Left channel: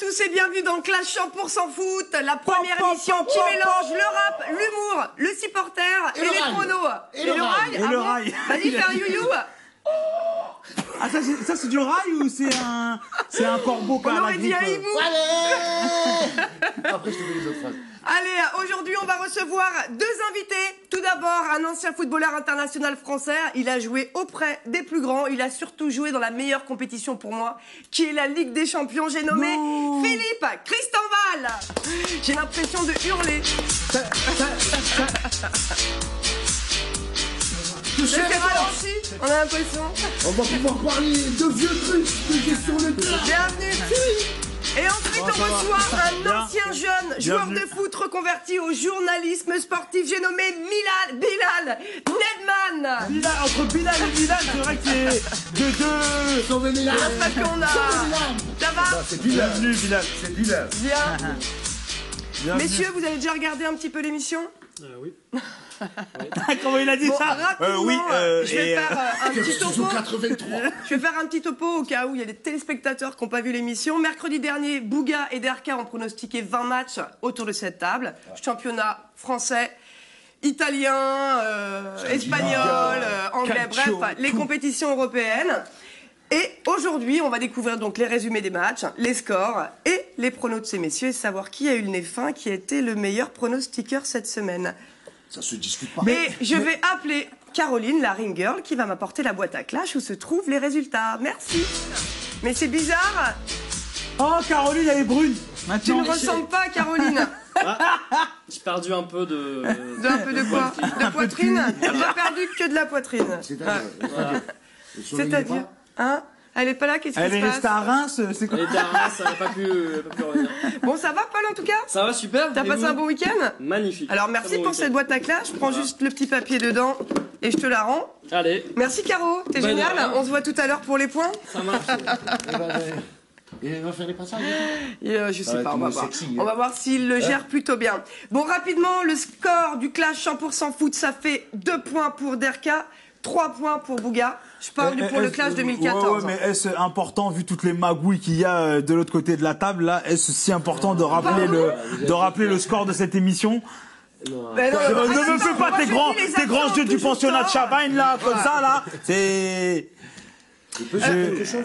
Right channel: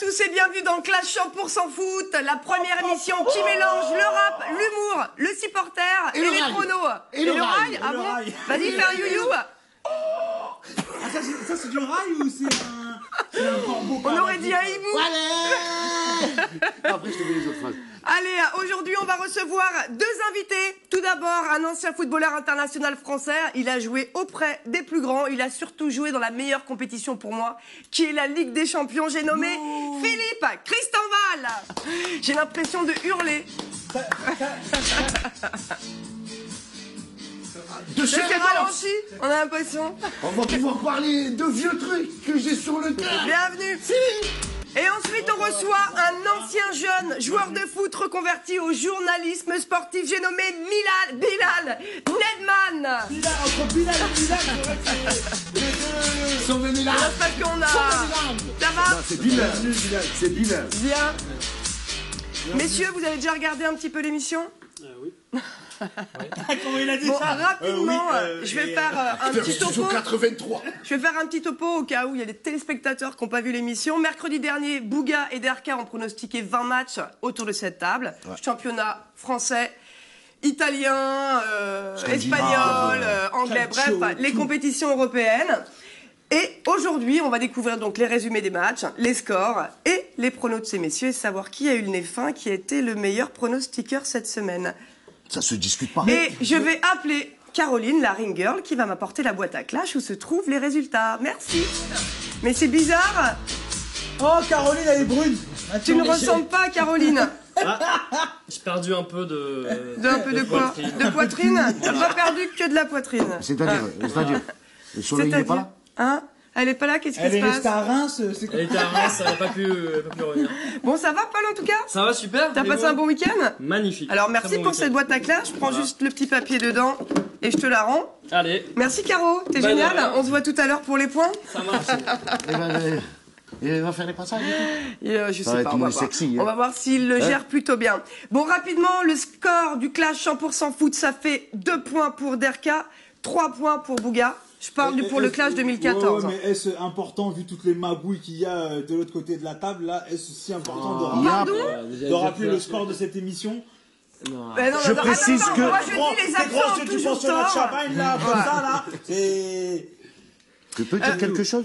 tous et bienvenue dans Clash 100% foot, la première émission qui mélange le rap, l'humour, le supporter et les pronos. Et le rail. Ah bon? Vas-y, fais un you-you. Ah, ça c'est du rail ou c'est un corbeau? On aurait dit un hibou. Allez. Après, je te dis les autres phrases. Allez, aujourd'hui, on va recevoir deux invités. Tout d'abord, un ancien footballeur international français. Il a joué auprès des plus grands. Il a surtout joué dans la meilleure compétition pour moi, qui est la Ligue des Champions. J'ai nommé Philippe Christenval. J'ai l'impression de hurler. C'est ralenti, on a l'impression. On va pouvoir parler de vieux trucs que j'ai sur le dos. Bienvenue. Et ensuite, on reçoit un ancien jeune joueur de foot reconverti au journalisme sportif. J'ai nommé Bilal Nedman. Bilal, entre Bilal et Bilal, c'est vrai que c'est les deux. Sauvez Bilal. C'est parce qu'on a... Ça va? C'est Bilal. Bilal, c'est Bilal. Bien. Messieurs, vous avez déjà regardé un petit peu l'émission? Oui. Comment il a dit Bon, ça? rapidement, je vais faire un petit topo. 83. Je vais faire un petit topo au cas où il y a des téléspectateurs qui n'ont pas vu l'émission. Mercredi dernier, Bouga et Derka ont pronostiqué 20 matchs autour de cette table. Ouais. Championnat français, italien, espagnol, anglais, bref, les compétitions européennes. Et aujourd'hui, on va découvrir donc les résumés des matchs, les scores et les pronos de ces messieurs et savoir qui a eu le nez fin, qui a été le meilleur pronostiqueur cette semaine. Ça se discute pas. Et je vais appeler Caroline, la ring girl, qui va m'apporter la boîte à clash où se trouvent les résultats. Merci. Mais c'est bizarre. Oh, Caroline, elle est brune. Tu ne ressembles pas à Caroline. J'ai perdu un peu de... Un peu de quoi? De poitrine? Tu n'as pas perdu que de la poitrine. C'est-à-dire hein? Elle est pas là, qu'est-ce qui se passe? Elle est restée à Reims, c'est quoi? Elle était à Reims, elle n'a pas pu revenir. Bon, ça va, Paul, en tout cas? Ça va, super. T'as passé un bon week-end? Magnifique. Alors, merci pour cette boîte à clash. Je prends juste le petit papier dedans et je te la rends. Allez. Merci, Caro. T'es génial. On se voit tout à l'heure pour les points. Ça marche. Il va faire les passages. Je sais pas, on va voir. On va voir s'il le gère plutôt bien. Bon, rapidement, le score du clash 100% foot, ça fait 2 points pour Derka, 3 points pour Bouga. Je parle pour le clash 2014. Ouais, mais est-ce important, vu toutes les magouilles qu'il y a de l'autre côté de la table, là, est-ce si important de rappeler le score de cette émission? Non. Je précise que les grands jeux du pensionnat de Champagne, là, comme ça, là, c'est... Tu peux dire quelque chose?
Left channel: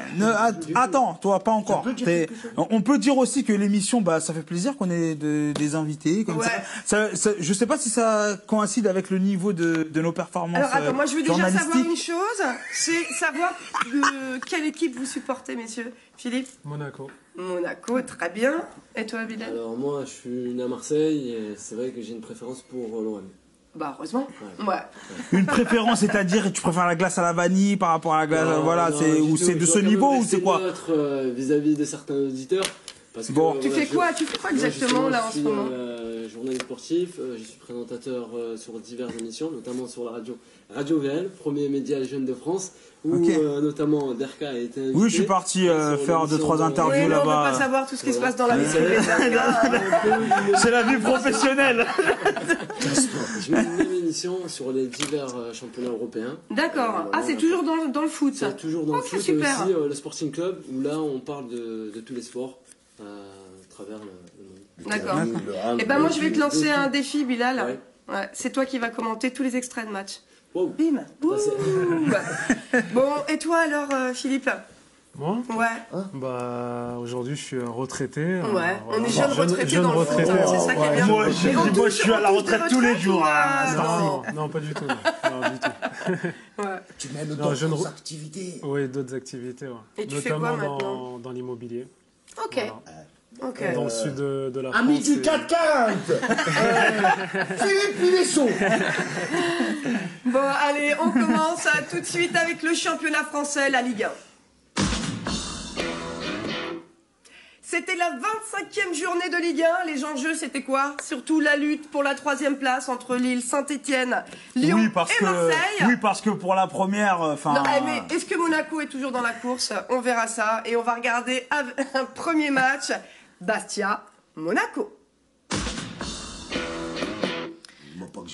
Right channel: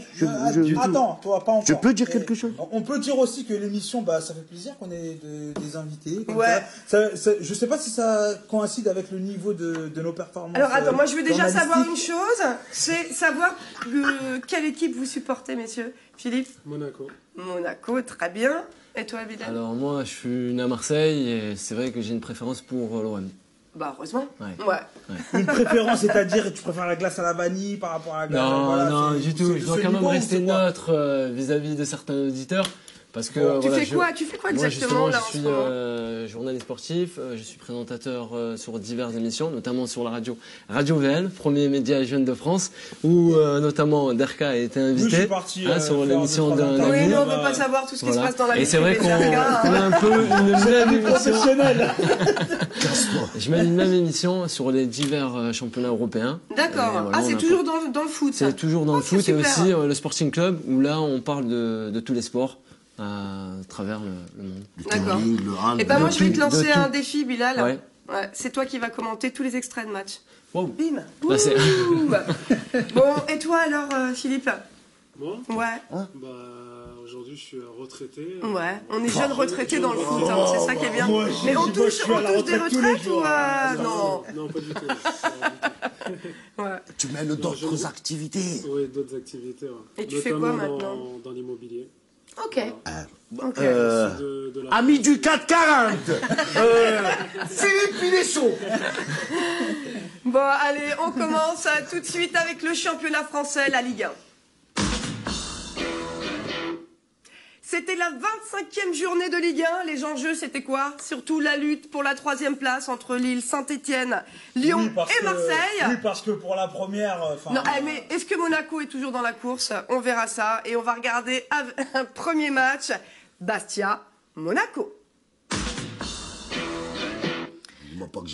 Attends, toi, pas encore. Tu peux dire quelque chose? On peut dire aussi que l'émission, bah, ça fait plaisir qu'on ait des invités. Comme ça. Je sais pas si ça coïncide avec le niveau de nos performances. Alors attends, moi je veux déjà savoir une chose, c'est savoir quelle équipe vous supportez, messieurs. Philippe? Monaco. Monaco, très bien. Et toi, Bilal? Alors moi, je suis né à Marseille et c'est vrai que j'ai une préférence pour l'OM. Bah heureusement. Ouais. Une préférence, c'est-à-dire tu préfères la glace à la vanille par rapport à la glace, voilà, c'est de ce niveau ou c'est quoi? Neutre vis-à-vis de certains auditeurs. Parce que, tu fais quoi exactement là en ce moment? Je suis journaliste sportif, je suis présentateur sur diverses émissions, notamment sur la Radio VN, premier média jeune de France, où notamment Derka a été invité. Oui, je suis parti sur faire l'émission de... Oui, nous on ne veut pas savoir tout ce qui se passe dans la vie privée de Derka. C'est la vie professionnelle. Je mets une même émission sur les divers championnats européens. D'accord. Ah, c'est toujours dans le foot, ça? C'est toujours dans le foot, et aussi le Sporting Club, où là on parle de tous les sports. À travers le monde. D'accord. Et ben moi je vais te lancer un défi, Bilal. Ouais, c'est toi qui vas commenter tous les extraits de match. Wow. Bim. Bon, et toi alors, Philippe? Moi? Ouais. Bah aujourd'hui je suis retraité. Ouais. On est jeunes retraités dans le foot, hein, c'est ça qui est bien. Moi, mais on touche des retraites tous les jours. Non, pas du tout. Ouais. Tu mets d'autres activités. Oui, d'autres activités. Ouais. Et tu fais quoi maintenant? Dans l'immobilier. Ok. Ok. Ami du 440. Philippe Pinesso. Bon, allez, on commence tout de suite avec le championnat français, la Ligue 1. C'était la 25e journée de Ligue 1. Les enjeux, c'était quoi? Surtout la lutte pour la 3e place entre Lille, Saint-Etienne, Lyon et Marseille. Oui, parce que pour la première... Non, mais est-ce que Monaco est toujours dans la course? On verra ça. Et on va regarder un premier match. Bastia-Monaco.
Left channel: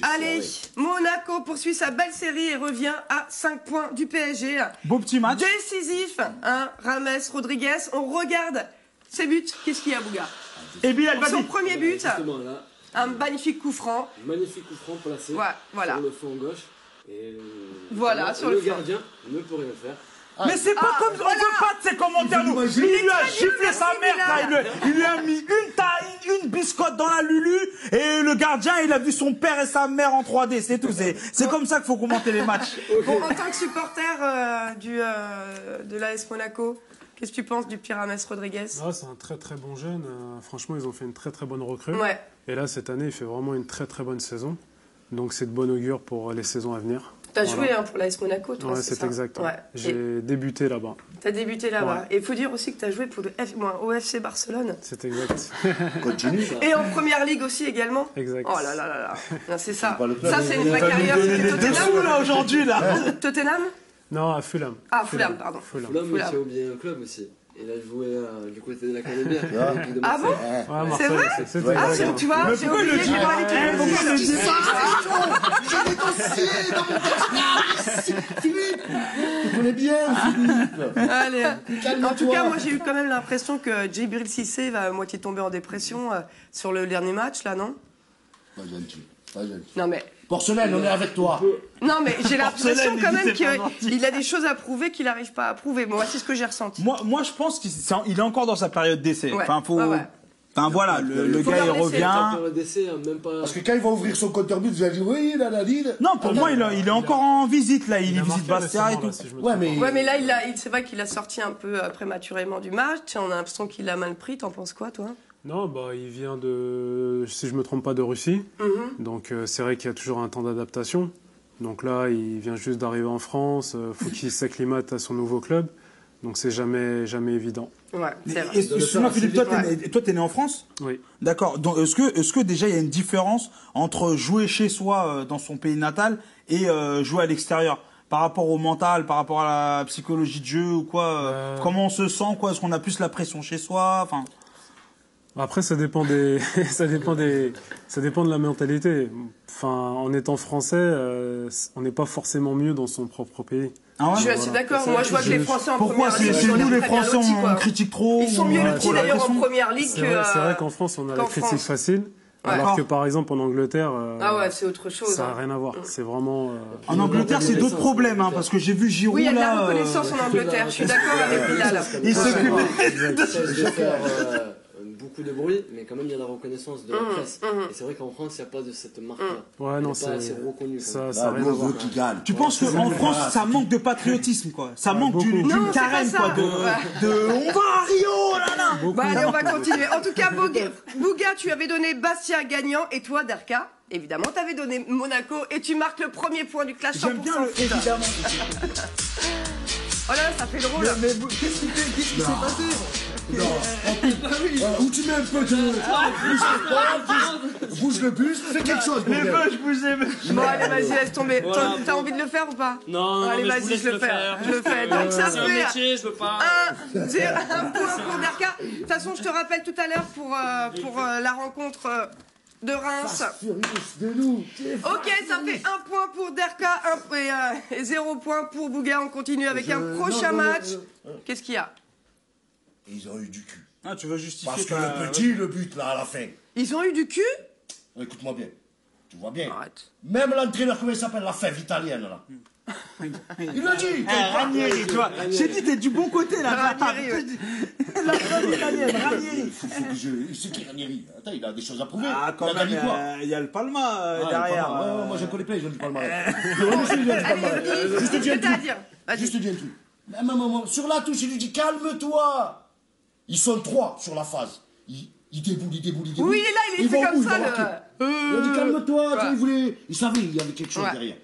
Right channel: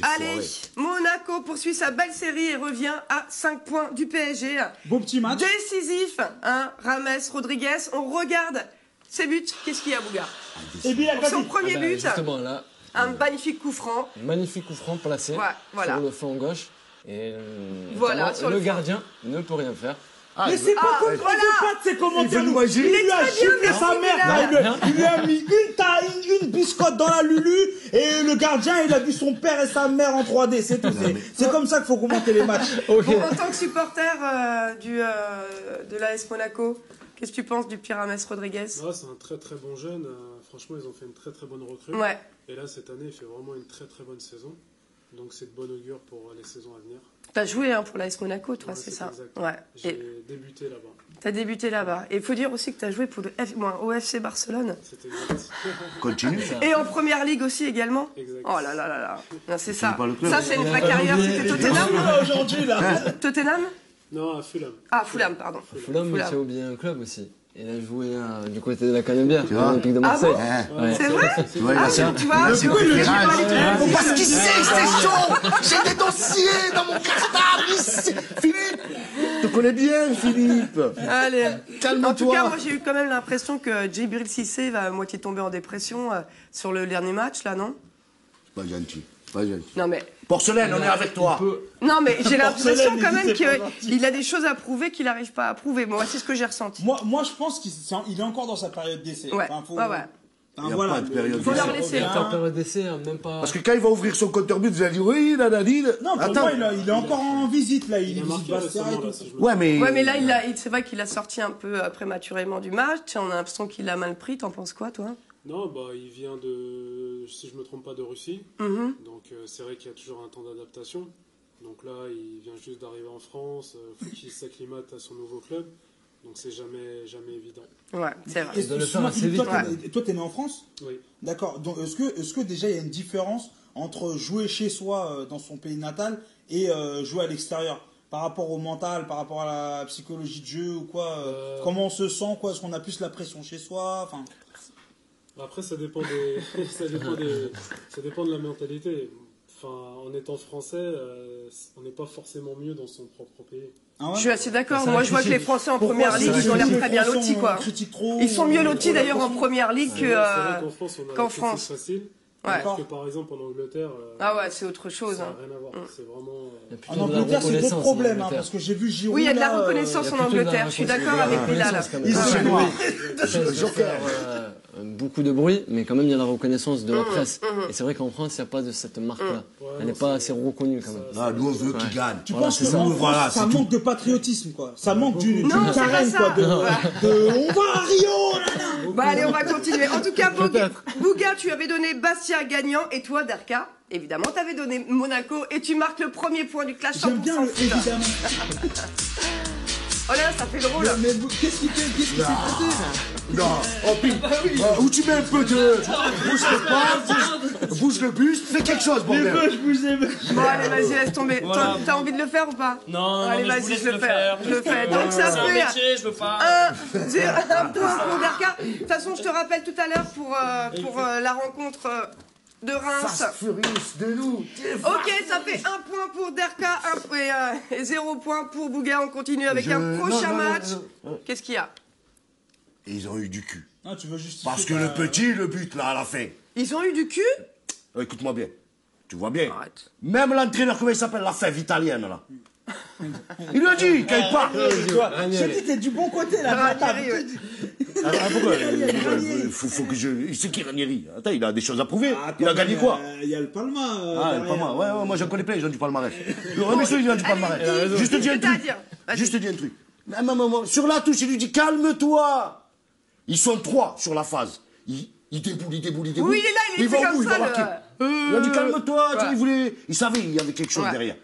Allez, Monaco poursuit sa belle série et revient à 5 points du PSG. Beau petit match. Décisif, hein, Rames Rodriguez. On regarde ses buts, qu'est-ce qu'il y a, Bouga? Eh bien, Son premier but, Justement, là, un magnifique coup franc. magnifique coup franc placé Voilà. sur le flanc gauche. Et Voilà, sur le flanc. gardien ne peut rien faire. Mais c'est pas comme Greg de Pat, ces commentaires. Il imaginer. lui a giflé sa mère. Bilal. Il lui a mis une biscotte dans la lulu. Et le gardien, il a vu son père et sa mère en 3D. C'est tout. C'est comme ça qu'il faut commenter les matchs. Bon, en tant que supporter de l'AS Monaco, qu'est-ce que tu penses du Pirames Rodriguez? Ah, c'est un très très bon jeune. Franchement, ils ont fait une très très bonne recrue. Ouais. Et là, cette année, il fait vraiment une très très bonne saison. Donc c'est de bon augure pour les saisons à venir. T'as joué pour l'AS Monaco, toi, Ouais, c'est c'est ça? exact. Ouais. J'ai débuté là-bas. T'as débuté là-bas. Et il faut dire aussi que t'as joué pour au FC Barcelone. C'est exact. Continue. Et en première ligue aussi également. Exact. Oh là là là là. Non, c'est ça. pas le club. Ça, c'est une vraie carrière. C'était Tottenham. Aujourd'hui, là. Tottenham? Non, à Fulham. Ah, Fulham, pardon. Fulham, Fulham. tu as oublié un club aussi. Il a joué du côté de la Canebière, l'Olympique de Ah Marseille. bon? Ouais. C'est vrai? Ouais, Ah, c'est- tu vois, j'ai oublié, j'ai pas les trucs. Parce qu'il sait que c'est chaud. J'ai des dossiers dans mon cartable ici. Philippe, tu connais bien, Philippe. Allez. Calme-toi. En tout cas, moi, j'ai eu quand même l'impression que Djibril Cissé va à moitié tomber en dépression sur le dernier match, là, non? Pas gentil, pas gentil. Non, mais... Porcelaine, on est avec toi. Non, mais j'ai l'impression quand même c'est pas gentil. qu'il a des choses à prouver qu'il n'arrive pas à prouver. Moi, c'est ce que j'ai ressenti. Moi, je pense qu'il est encore dans sa période d'essai. Ouais, Enfin, faut... ouais, ouais. Enfin, Il y a voilà, pas de période Faut gars, leur il laisser le revient. temps. En période d'essai, même pas. Parce que quand il va ouvrir son compteur but, vous allez dire oui, nanani. Non, pour moi, il est encore en visite, là. Il a visite marqué Bastia et récemment, tout. là, si je me Ouais, trompe. mais. Ouais, mais là, c'est vrai qu'il a sorti un peu prématurément du match. On a l'impression qu'il l'a mal pris. T'en penses quoi, toi? Non, bah, il vient de, si je me trompe pas, de Russie. Mhm. Donc c'est vrai qu'il y a toujours un temps d'adaptation. Donc là, il vient juste d'arriver en France. Faut qu'il s'acclimate à son nouveau club. Donc c'est jamais évident. Ouais, c'est vrai. Et doit le excuse-moi, faire Philippe, assez toi, vite, t'es né en France? Oui. D'accord. Donc, est-ce que déjà, il y a une différence entre jouer chez soi, dans son pays natal, et jouer à l'extérieur? Par rapport au mental, par rapport à la psychologie de jeu ou quoi? Comment on se sent, quoi? Est-ce qu'on a plus la pression chez soi? Enfin... Après, ça dépend des, ça dépend de la mentalité. Enfin, en étant français, on n'est pas forcément mieux dans son propre pays. Ah ouais? Je suis assez d'accord. Ça, Moi, je vois que les Français en Pourquoi première c'est- ligue, c'est ils ont l'air nous, les très bien Français, lotis, on quoi. critique trop, Ils sont on mieux a lotis trop la d'ailleurs en pression. première ligue C'est que. vrai qu'en France, on a qu'en les critiques France. faciles. Ouais. Alors que par exemple, en Angleterre, Ah ouais, c'est autre chose. ça n'a hein. rien à voir. C'est vraiment. En Angleterre, c'est d'autres problèmes, hein, parce que j'ai vu Giroud. Oui, il y a de la là, reconnaissance en Angleterre. Je suis d'accord avec Bilal. Ils Ça sont- va faire beaucoup de bruit, mais quand même il y a la reconnaissance de la presse. Et c'est vrai qu'en France, il n'y a pas de cette marque-là. Ouais, Elle non, n'est pas assez reconnue quand ça, même. ça a Ah, rien nous, à on voir. veut qu'il gagne. Tu penses Voilà, qu'en c'est France, ça. ça manque de patriotisme, quoi? Ça manque d'une Non, c'est pas carène, ça. quoi? On va à Rio, là, là! Bah allez, on va continuer. En tout cas, Bouga, tu avais donné Bastia gagnant et toi, Derka, évidemment, t'avais donné Monaco et tu marques le premier point du clash 100% J'aime bien le foot. évidemment. Oh là là, ça fait drôle. Mais qu'est-ce qui s'est passé? Non, oh, où tu mets un peu de. Bouge le pas, bouge le buste, fais quelque chose, Les bordel. vœux, je vous aime. Bon, allez, vas-y, laisse tomber. Voilà, Toi, t'as envie de le faire ou pas? Non, Allez, mais vas-y, vous laisse je le fais. Je le fais. Donc ça C'est un fait métier, je veux pas. un point pour Derka. De toute façon, je te rappelle tout à l'heure pour la rencontre de Reims. Furious de nous. Ok, ça fait un point pour Derka et 0 point pour Bouga. On continue avec un prochain match. Qu'est-ce qu'il y a? Et ils ont eu du cul. Ah, tu veux justifier Parce que ta- le petit, le but, là, à la fin. Ils ont eu du cul? Écoute-moi bien. Tu vois bien. Arrête. Même l'entraîneur, comment il s'appelle, la fève italienne, là. Il lui a dit, quand il parle, Tu vois, j'ai dit, t'es du bon côté, là. Ranieri, ouais. il faut que je. C'est qui Ranieri? Attends, il a des choses à prouver. Ah, Il quand a gagné même, quoi? Il y a le Palma Ah, le derrière. palmarès. Ouais, moi je connais plein les gens du palmarès. Mais ouais, mais c'est les gens du palmarès. Allez, Juste dis dis ce un que t'as à truc. dire. Vas-y. Juste dis un truc. À un moment, sur la touche, il lui dit calme-toi. Ils sont 3 sur la phase. Il déboule. Oui, il est là, il est fait va comme où, ça. il va marquer. Il a dit calme-toi, tu sais, il voulait. Il savait qu'il y avait quelque chose Ouais. derrière.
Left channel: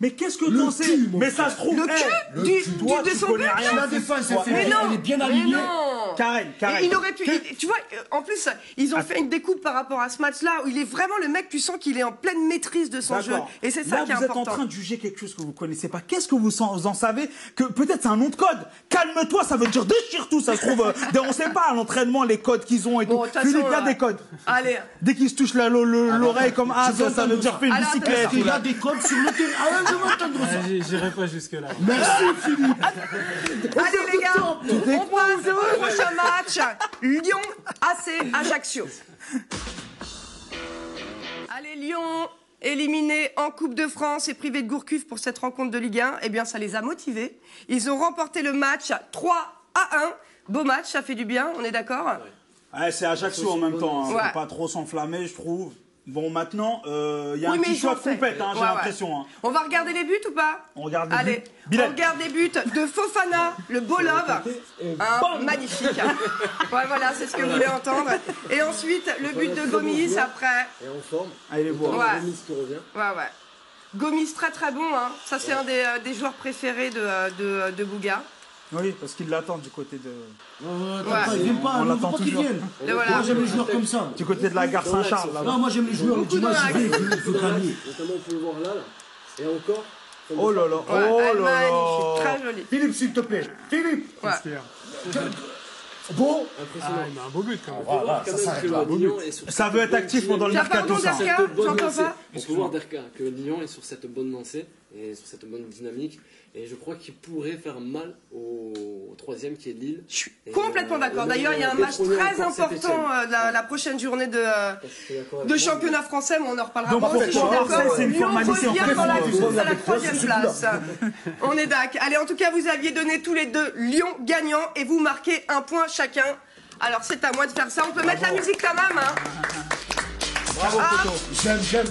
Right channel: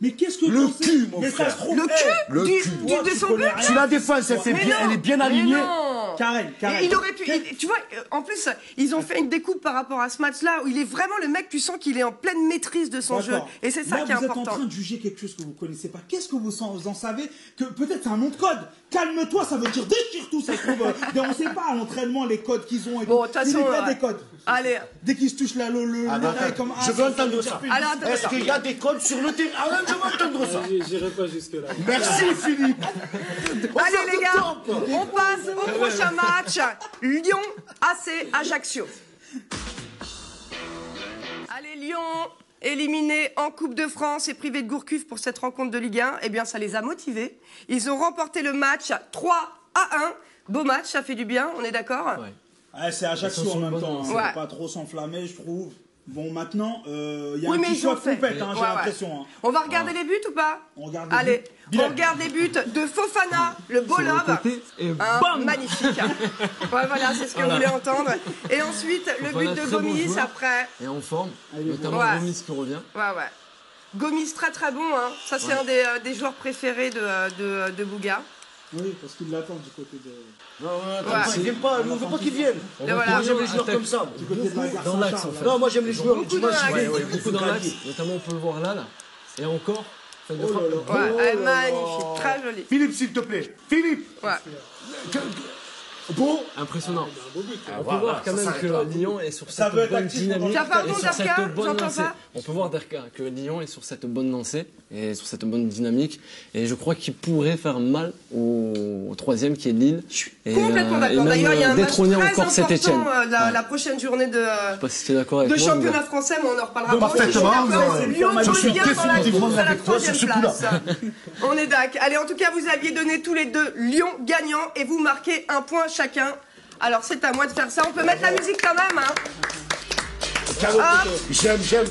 Mais qu'est-ce que Le t'en sais? cul, mon Mais ça frère. se trouve. Le eh, cul le du, cul, du- toi, de tu son connais but rien. si la défense elle fait Mais bien, non. elle est bien Mais alignée. non. Karen. Et il aurait pu. Tu vois, en plus, ils ont fait une découpe par rapport à ce match-là où il est vraiment le mec, tu sens qu'il est en pleine maîtrise de son jeu. D'accord. Et c'est ça Là, qui est vous êtes en important. train de juger quelque chose que vous connaissez pas. Qu'est-ce que vous en savez? Que peut-être c'est un nom de code. Calme-toi, ça veut dire déchire tout. Ça se trouve, on sait pas à l'entraînement les codes qu'ils ont et Bon, tout. de toute façon, Il y a des codes. Allez. Dès qu'ils se touchent l'oreille comme Je veux ça veut entendre dire ça. fais une Alors, bicyclette. Est-ce qu'il y a des codes sur le terrain? Ah ouais, Je veux entendre ça. J'irai pas jusque-là. Merci Philippe. Allez les gars, on passe au prochain match. Lyon AC Ajaccio. Allez Lyon, éliminé en Coupe de France et privé de Gourcuff pour cette rencontre de Ligue 1, eh bien ça les a motivés. Ils ont remporté le match 3-1. Beau match, ça fait du bien, on est d'accord? Ouais, c'est Ajaccio en même temps, hein. Ouais. Faut pas trop s'enflammer, je trouve. Bon, maintenant, il y a Oui, un mais petit ils ont choc fait. compète, hein, j'ai Ouais, ouais. l'impression. Hein. On va regarder les buts ou pas? On regarde les Allez, buts. Bilal. on regarde les buts de Fofana, le beau love. Magnifique. Ouais, voilà, c'est ce que vous voulez entendre. Et ensuite, le but de très bon Gomis joueur. après. Et en forme, Allez, notamment voilà. Gomis qui revient. Ouais. Gomis, très très bon. Hein. Ça, c'est un des joueurs préférés de Bouga. Oui, parce qu'ils l'attendent du côté de... Ouais. Ils viennent pas, on ne veut pas qu'ils viennent. Et voilà. Moi j'aime les joueurs comme ça. Du côté de la gare Dans l'axe, Saint-Charles. en fait. Non, moi j'aime les joueurs. Beaucoup dans l'axe. Beaucoup dans l'axe, notamment on peut le voir là. Et encore. Oh là là. Ouais, Oh elle, là là. magnifique, très jolie. Philippe, s'il te plaît. Philippe. Ouais. Beau. Impressionnant. Il a un beau but. On peut voir quand même que Lyon est sur Ça cette veut être bonne actif pendant dynamique, Tiens, pardon, et sur Derka, cette bonne j'entends lancée. pas. On peut voir Derka que Lyon est sur cette bonne lancée et sur cette bonne dynamique. Et je crois qu'il pourrait faire mal au troisième qui est Lille. Je suis Et, complètement et d'accord. même, D'ailleurs, il y a un match détrôner très encore Saint-Étienne. important la prochaine journée Je sais pas si tu es d'accord avec de moi, championnat français, mais on en reparlera Donc, pas. Je suis parfaitement, d'accord. c'est une Lyon formalité. revient dans la Très course à la avec toi 3e sur ce place. On est d'accord. Allez, en tout cas, vous aviez donné tous les deux Lyon gagnant et vous marquez un point chacun. Alors, c'est à moi de faire ça. On peut mettre la musique quand même, hein. Hop. J'aime.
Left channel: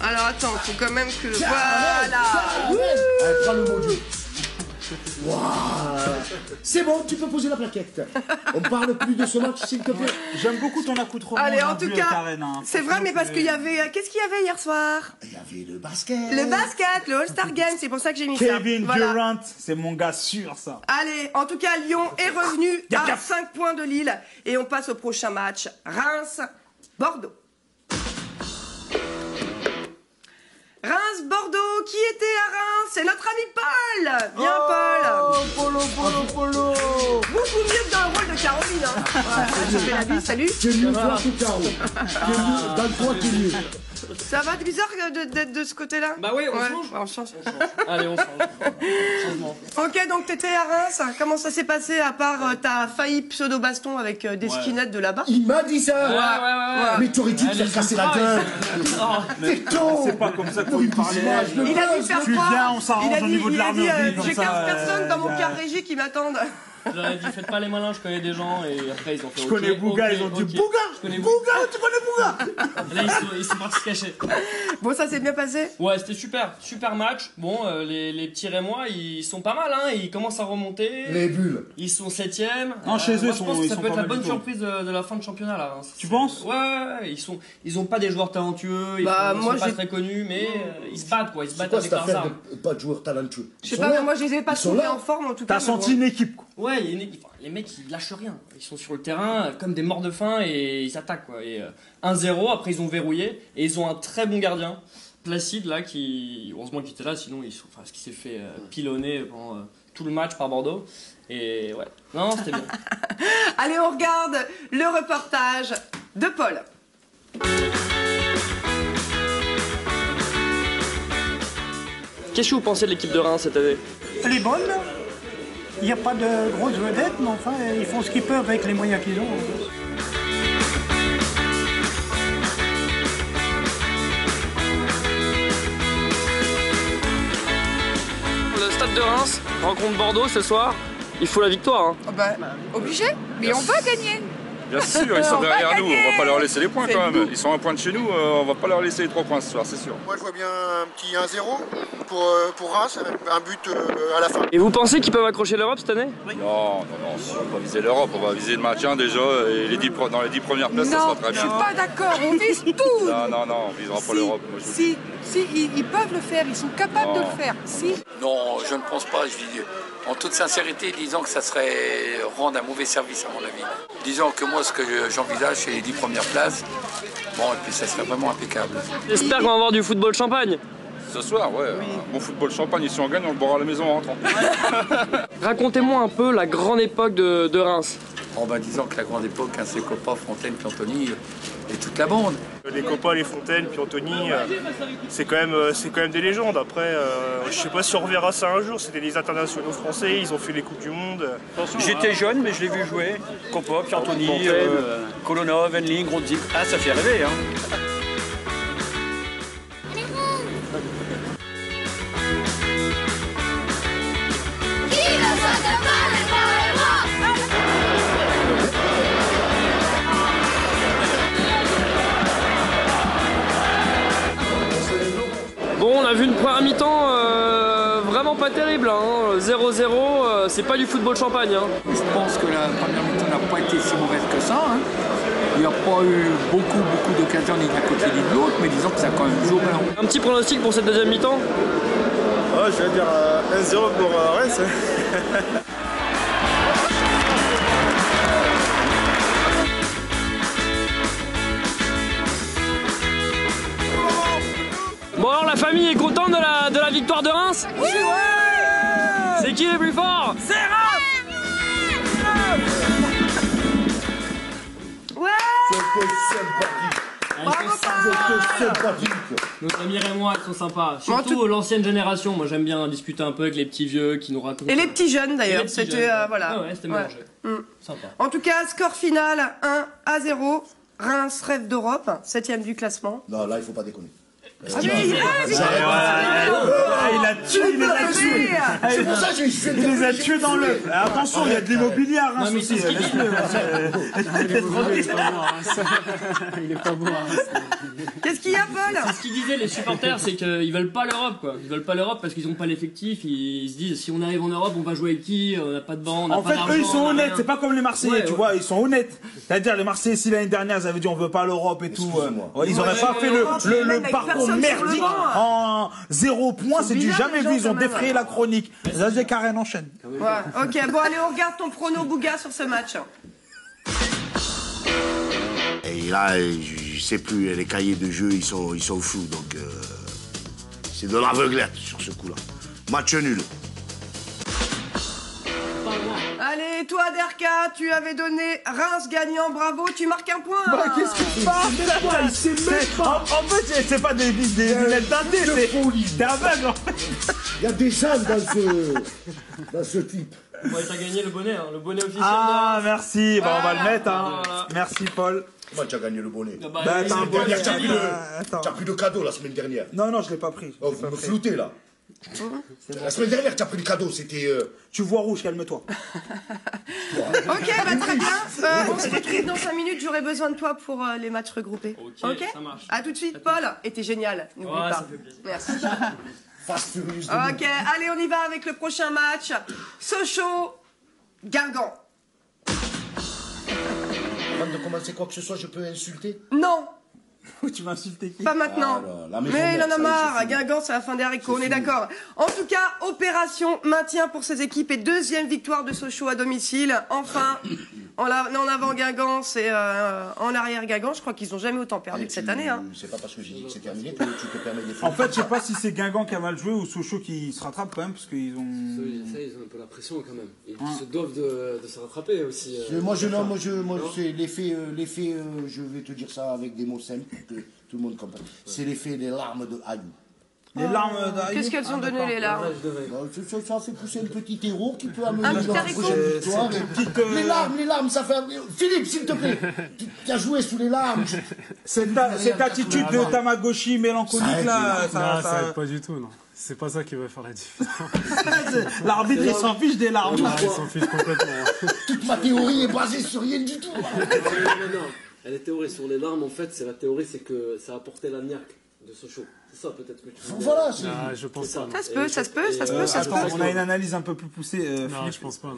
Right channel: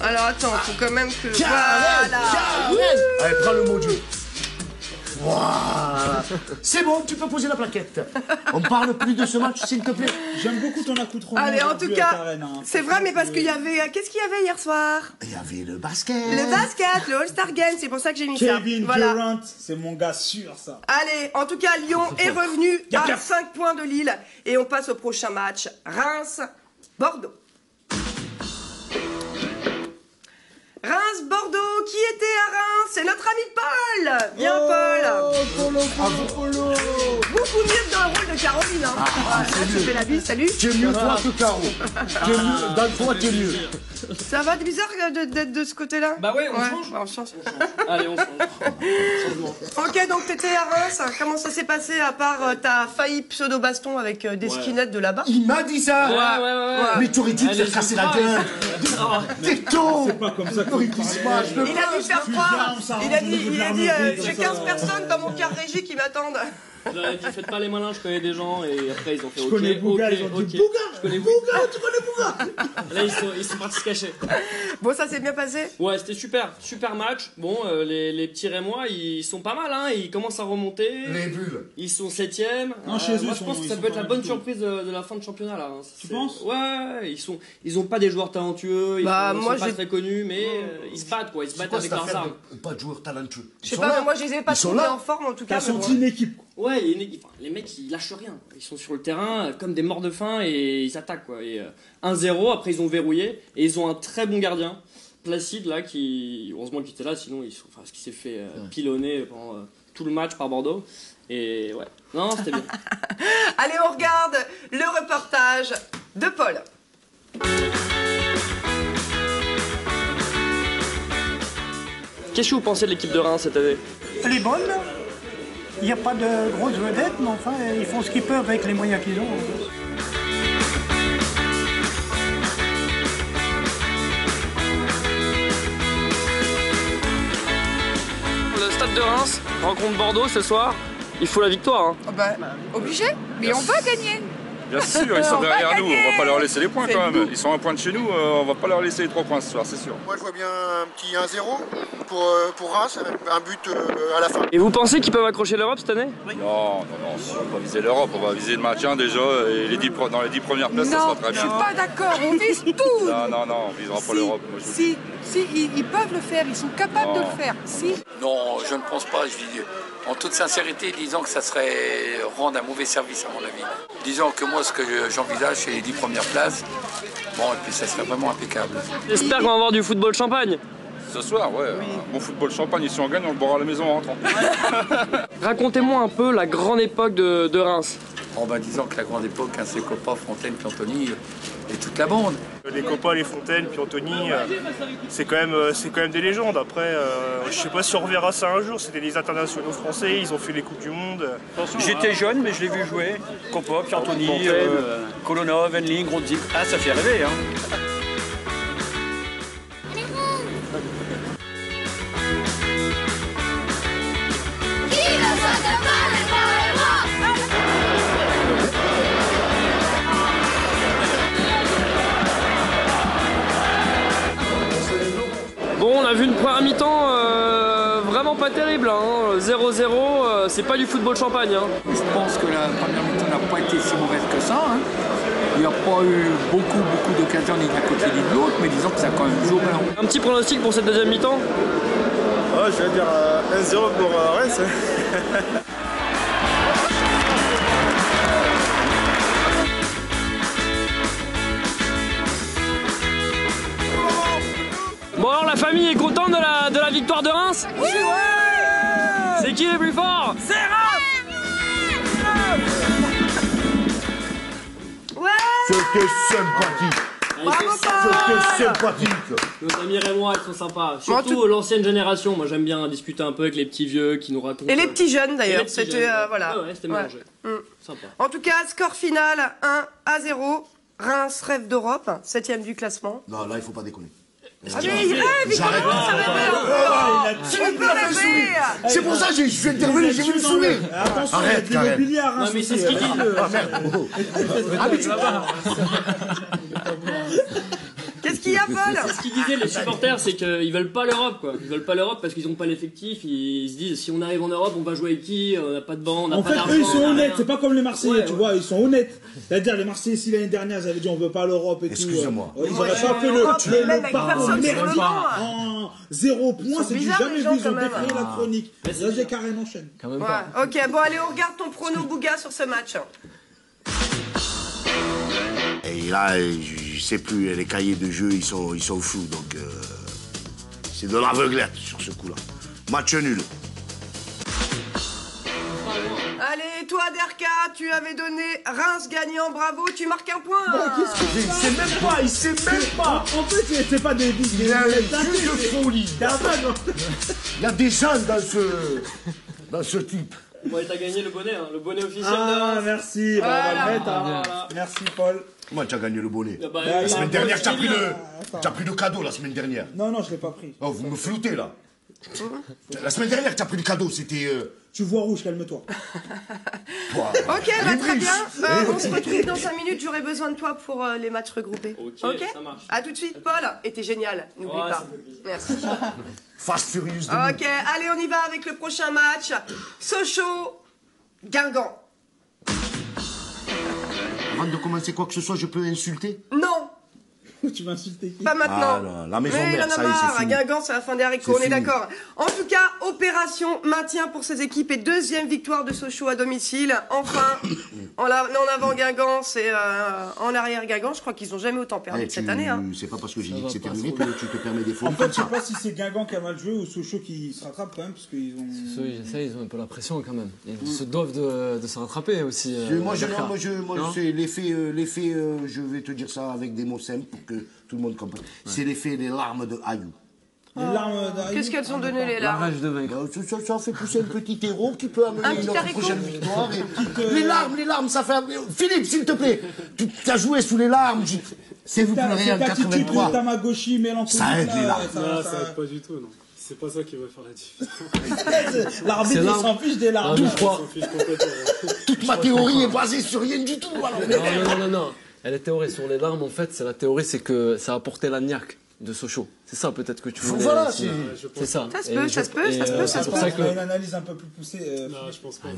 Alors, attends, faut quand même que... Voilà. Allez, prends le mot Dieu. Voilà. C'est bon, tu peux poser la plaquette. On parle plus de ce match, s'il te plaît. J'aime beaucoup ton accoutrement. Allez, en tout aujourd'hui, cas, Karen, hein. c'est vrai, mais parce qu'il y avait... Qu'est-ce qu'il y avait hier soir? Il y avait le basket. Le basket, le All-Star Game, c'est pour ça que j'ai mis ça. Kevin Voilà. Durant, c'est mon gars sûr, ça. Allez, en tout cas, Lyon est revenu à 5 points de Lille. Et on passe au prochain match. Reims-Bordeaux. Reims-Bordeaux, qui était à Reims? C'est notre ami Paul. Viens, Paul. Polo. Beaucoup mieux que dans le rôle de Caroline. Hein. Ouais, là, je fais la bise, salut. Tu es mieux toi que Caro. Tu es mieux. Dans le fond, tu es mieux. Ça va, c'est bizarre d'être de ce côté-là? Bah oui, on change. Ouais, on change. Allez, on change. Changement. Ok, donc t'étais à Reims. Comment ça s'est passé à part t'as failli pseudo-baston avec des skinettes de là-bas? Il m'a dit ça. Ouais. Mais tu aurais dû te Allez, faire casser je la crois, gueule. T'es con. C'est pas comme ça qu'on Il parle. Il a dû faire Tu croire. viens, on s'arrange Il a au dit, niveau de l'armurerie, comme j'ai ça. 15 personnes dans mon car régie qui m'attendent. J'aurais dit, faites pas les malins, je connais des gens, et après ils ont fait Je ok, connais Bouga, ils ont dit ok. Bouga. Je connais Bouga, tu connais Bouga. Là, ils sont partis se cacher. Bon, ça s'est bien passé? Ouais, c'était super match. Bon, les petits Rémois, ils sont pas mal, hein, ils commencent à remonter. Et Bulle. Ils sont 7ème. Non, chez eux, moi, ils je pense sont- que ils ça sont peut être pas la mal bonne du tout. surprise de la fin de championnat là. Tu penses? Ouais, ils ont pas des joueurs talentueux, ils Bah, sont moi, pas j'ai- très connus, mais ils se battent quoi, ils se battent avec leurs armes. Pas de joueurs talentueux. Je sais pas, mais moi je les ai pas Ils sont trouvés là. en forme en tout cas. T'as mais senti bon. une équipe, quoi. Ouais, il y a une équipe. Enfin, les mecs ils lâchent rien. Ils sont sur le terrain comme des morts de faim et ils attaquent quoi. Et 1-0, après ils ont verrouillé et ils ont un très bon gardien, Placide là, qui heureusement qu'il était là, sinon ce qui s'est fait pilonner pendant tout le match par Bordeaux. Et ouais, non, c'était bien. Allez, on regarde le reportage de Paul. Qu'est-ce que vous pensez de l'équipe de Reims cette année? Elle est bonne. Il n'y a pas de grosses vedettes, mais enfin, ils font ce qu'ils peuvent avec les moyens qu'ils ont. Le stade de Reims rencontre Bordeaux ce soir. Il faut la victoire. Hein. Obligé, mais on va gagner. Bien sûr, ils sont On va derrière nous, on gagner. va pas leur laisser les points C'est quand le même. goût. Ils sont à un point de chez nous, on va pas leur laisser les 3 points ce soir, c'est sûr. Moi je vois bien un petit 1-0 pour Reims, un but à la fin. Et vous pensez qu'ils peuvent accrocher l'Europe cette année? Non, on va pas viser l'Europe, on va viser le maintien déjà et dans les 10 premières places, ça sera très bien. Pas d'accord, on vise tout. Non, on visera pas l'Europe. moi, je vous le dis. Si, ils peuvent le faire, ils sont capables de Non. le faire. Si. Non, je ne pense pas. Je dis, en toute sincérité, disons que ça serait rendre un mauvais service à mon avis. Disons que moi, ce que j'envisage, c'est les 10 premières places. Bon, et puis ça serait vraiment impeccable. J'espère qu'on va avoir du football champagne. Ce soir, ouais, un bon football champagne, si on gagne, on le boira à la maison en rentrant. Racontez-moi un peu la grande époque de Reims. Disons que la grande époque, hein, c'est Copa, Fontaine, Cantoni. Et toute la bande. Les copains, les Fontaines, puis Anthony, c'est quand même des légendes. Après, je sais pas si on reverra ça un jour. C'était des internationaux français, ils ont fait les Coupes du Monde. J'étais jeune, mais je l'ai vu jouer. Copa, puis Anthony, Colonna, Venling, Gronzik. Ah, ça fait rêver, hein. Bon, on a vu une première mi-temps vraiment pas terrible, hein. 0-0, c'est pas du football champagne. Hein. Je pense que la première mi-temps n'a pas été si mauvaise que ça. Hein. Il n'y a pas eu beaucoup d'occasions ni d'un côté ni de l'autre, mais disons que ça a quand même joué blanc. Un petit pronostic pour cette deuxième mi-temps? Je vais dire 1-0 pour Reims. Bon alors la famille est contente de la victoire de Reims? Oui, ouais. C'est qui les plus forts? C'est Reims. Ouais. C'était sympathique. Bravo, C'était sympathique. Nos amis rémois, ils sont sympas. Surtout l'ancienne génération. Moi j'aime bien discuter un peu avec les petits vieux qui nous racontent. Et les petits jeunes d'ailleurs. C'était voilà. Ah ouais, c'était mélangé. Sympa. En tout cas, score final 1-0. Reims rêve d'Europe, 7ème du classement. Non, là il faut pas déconner. Ah mais il rêve, il commence à rêver. On peut rêver. C'est pour ça que je suis intervenu, j'ai eu dans le... Attention, il y a de l'immobilier à Reims. Non mais c'est ce qu'il dit. Qu'est-ce qu'il y a, Paul? C'est ce qu'ils disaient les supporters, c'est qu'ils veulent pas l'Europe, quoi. Ils veulent pas l'Europe parce qu'ils ont pas l'effectif. Ils se disent si on arrive en Europe, on va jouer avec qui? On n'a pas de banc, on n'a pas d'argent. En fait, eux, ils sont honnêtes. C'est pas comme les Marseillais, tu vois. Ils sont honnêtes. C'est-à-dire, les Marseillais, si l'année dernière, ils avaient dit on veut pas l'Europe et tout. Ils auraient pas fait le parcours merdique en 0 points. C'est du jamais vu. Ils ont défrayé la chronique. Zazie Karen enchaîne. Ouais. Ok, bon, allez, on regarde ton prono, Bouga, sur ce match. Et là, je sais plus, les cahiers de jeu, ils sont fous, donc c'est de l'aveuglette sur ce coup-là. Match nul. Allez, toi, Derka, tu avais donné Reims gagnant, bravo, tu marques un point. Qu'est-ce que c'est? Il sait même pas. En fait, c'est pas des folie. T'es aveugle, en fait. Il y a des jeunes dans ce type. Ouais, t'as gagné le bonnet, hein, le bonnet officiel de Ah, Reims. merci. Bah, on va le mettre. Voilà. Merci, Paul. Moi, tu as gagné le bonnet. Ah bah, La semaine dernière, tu Attends. as pris le cadeau la semaine dernière. Non, je l'ai pas pris. Oh, vous me floutez là. La semaine dernière, tu as pris le cadeau, c'était. Tu vois rouge, calme-toi. Ok, bah très bien. On se retrouve dans 5 minutes. J'aurai besoin de toi pour les matchs regroupés. Ok, ça marche. À tout de suite, Paul. Et t'es génial, n'oublie Ouais, pas. ça fait plaisir. Merci. Fast Furious. Ok, allez, on y va avec le prochain match. Sochaux-Guingamp. Avant de commencer quoi que ce soit, je peux insulter? Non. Tu vas insulter qui? Pas maintenant. Mais il en a marre. À Guingamp, c'est la fin des haricots, on est d'accord. En tout cas, opération maintien pour ces équipes et deuxième victoire de Sochaux à domicile. Enfin, en avant Guingamp, c'est en arrière Guingamp. Je crois qu'ils n'ont jamais autant perdu que cette année. Hein. C'est pas parce que j'ai dit que c'est terminé que tu te permets des fautes. En fait, je sais pas si c'est Guingamp qui a mal joué ou Sochaux qui se rattrape quand même parce qu'ils ont. Ils ont un peu la pression quand même. Ils se doivent de se rattraper aussi. Moi, c'est l'effet, je vais te dire ça avec des mots simples pour que tout le monde comprenne. C'est l'effet des larmes de Ayou. Les larmes d'Ayou. Qu'est-ce qu'elles ont donné les larmes? Ça fait pousser un petit héros qui peut amener un petit la prochaine victoire. Les larmes, ça fait. Philippe, s'il te plaît, tu as joué sous les larmes. C'est cette attitude de Tamagotchi mélancolique là. Ça aide pas du tout, non. C'est pas ça qui va faire la différence. L'arbitre, il s'en fiche des larmes. Il s'en fiche complètement. Toute ma théorie est basée sur rien du tout. Non. Et la théorie sur les larmes, en fait, c'est que ça a apporté la niaque de Sochaux. C'est ça peut-être que tu voulais. Voilà, c'est ça. Ça se peut. On a une analyse un peu plus poussée. Non, je pense pas.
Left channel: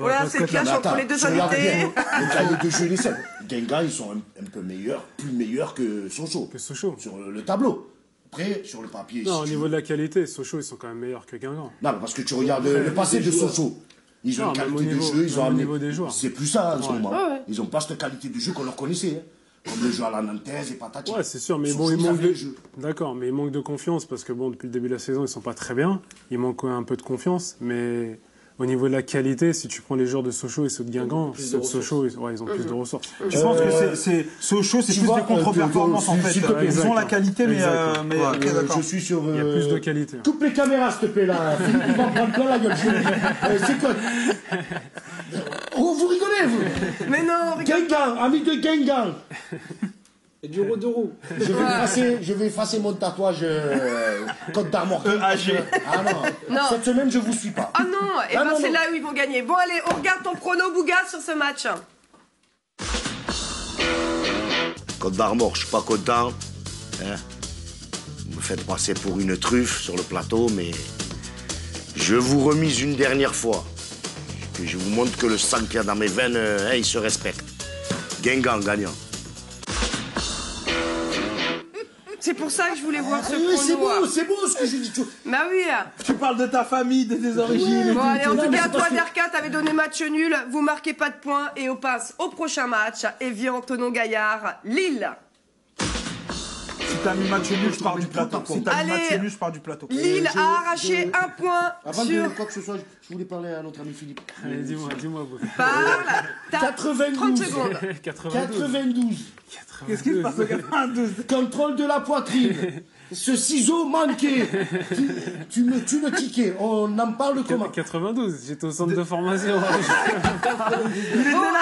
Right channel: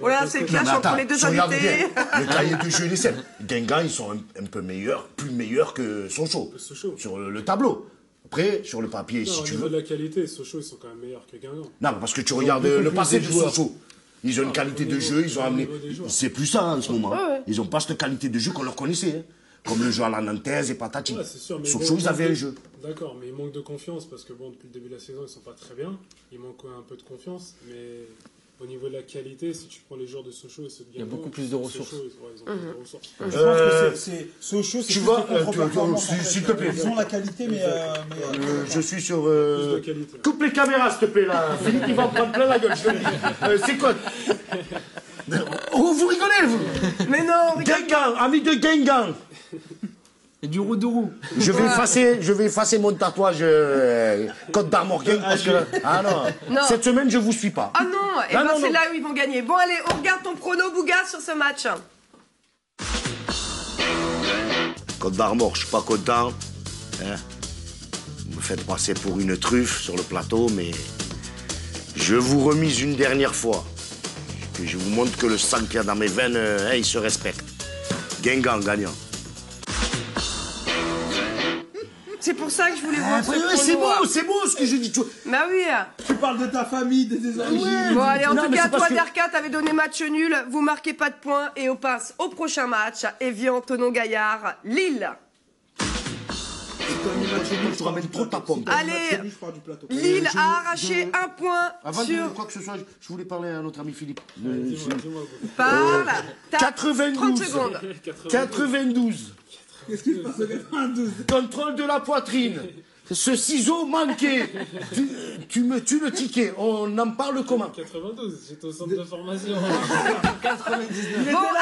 Voilà, c'est le clash entre les deux invités. Le cahier de jeu, les 7. Guingamp, ils sont un peu meilleurs, plus meilleurs que Sochaux. Sur le tableau. Après, sur le papier, non, si au tu niveau veux. de la qualité, Sochaux, ils sont quand même meilleurs que Guingamp. Non, parce que tu regardes le passé de Sochaux. Ils ont une qualité de jeu, ils ont amené. C'est plus ça en ce moment. Ils n'ont pas cette qualité de jeu qu'on leur connaissait. Comme le jeu à la nantaise et patati. Ouais, c'est sûr, mais Sochaux, ils avaient un jeu. D'accord, mais ils manquent de confiance parce que bon, depuis le début de la saison, ils sont pas très bien. Il manque un peu de confiance, mais Au niveau de la qualité, si tu prends les joueurs de Sochaux et ceux de Guingamp, ceux de Sochaux, ils ont plus de ressources. Je pense que c'est Sochaux, c'est plus des contre-performances en fait. Ils ont la qualité, mais je suis sur. Il y a plus de qualité. Coupe les caméras, s'il te plaît, là. Philippe, il va en prendre plein la gueule. C'est quoi? Vous rigolez, vous? Mais non, regarde. Guingamp, ami de Guingamp. Et du Rodoro. Je vais effacer mon tatouage Côte d'Armor. Ah non. Cette semaine, je vous suis pas. Ah non, et ben c'est là où ils vont gagner. Bon allez, on regarde ton prono, Bouga, sur ce match. Côte d'Armor, je suis pas content. Hein? Vous me faites passer pour une truffe sur le plateau, mais je vous remise une dernière fois. Et je vous montre que le sang qu'il y a dans mes veines, il se respecte. Guingamp gagnant. C'est pour ça que je voulais voir ce prono. C'est beau ce que j'ai dit. Bah oui. Tu parles de ta famille, de tes origines. Bon allez, en tout cas, toi Derka, t'avais donné match nul, vous marquez pas de points et on passe au prochain match. Evian, Thonon-Gaillard, Lille. Si t'as mis match nul, je pars du plateau. Allez, Lille a arraché un point sur... Quoi que ce soit, je voulais parler à notre ami Philippe. Dis-moi. Parle. 92. 30 secondes. 92. Qu'est-ce qui se passe au 92? Contrôle de la poitrine. Ce ciseau manqué. Tu me tues le ticket. On en parle comment? 92, j'étais au centre de formation. Bon,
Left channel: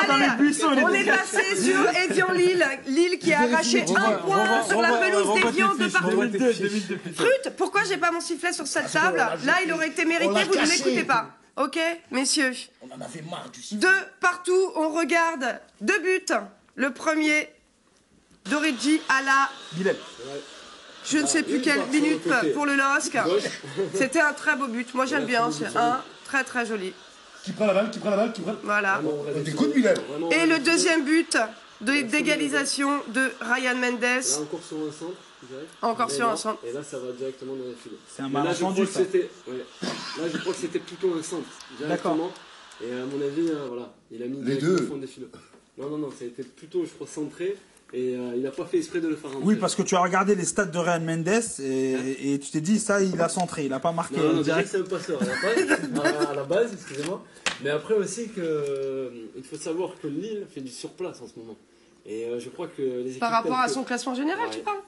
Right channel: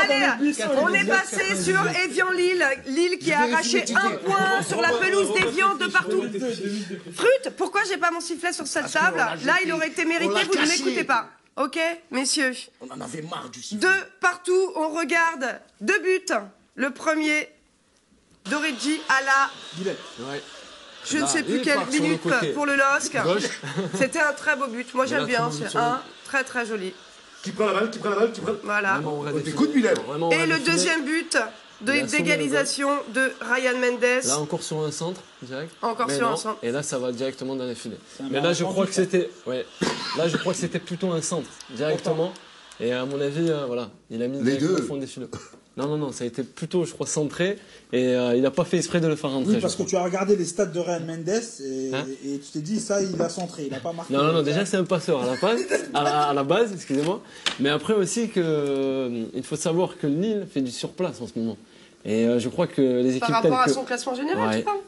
allez, on est passé sur Evian-Lille. Lille qui a arraché un point sur la pelouse d'Evian de partout. Frut, pourquoi j'ai pas mon sifflet sur cette table? Là, il aurait été mérité, vous ne m'écoutez pas. Ok, messieurs. On en avait marre du sifflet. 2 partout, on regarde 2 buts. Le premier d'Origi à la... Je ne sais plus quelle minute pour le LOSC. C'était un très beau but. Moi j'aime bien, c'est un très très joli. Qui prend la balle, Voilà. Écoute, Milan. Et le deuxième but d'égalisation de Ryan Mendes. Là encore sur un centre, direct. Encore sur un centre. Et là ça va directement dans les filets. Mais là je crois que c'était... Ouais. Là je crois que c'était plutôt un centre, directement. Et à mon avis, voilà, il a mis directement au fond des filets. Non, ça a été plutôt, je crois, centré. Et il n'a pas fait exprès de le faire rentrer. Oui, parce que tu as regardé les stats de Ryan Mendes et tu t'es dit, ça, il a centré, il n'a pas marqué. Non, déjà c'est un passeur à la base, excusez-moi. Mais après aussi, il faut savoir que Lille fait du surplace en ce moment. Et je crois que les équipes... Par rapport à son classement général, tu parles?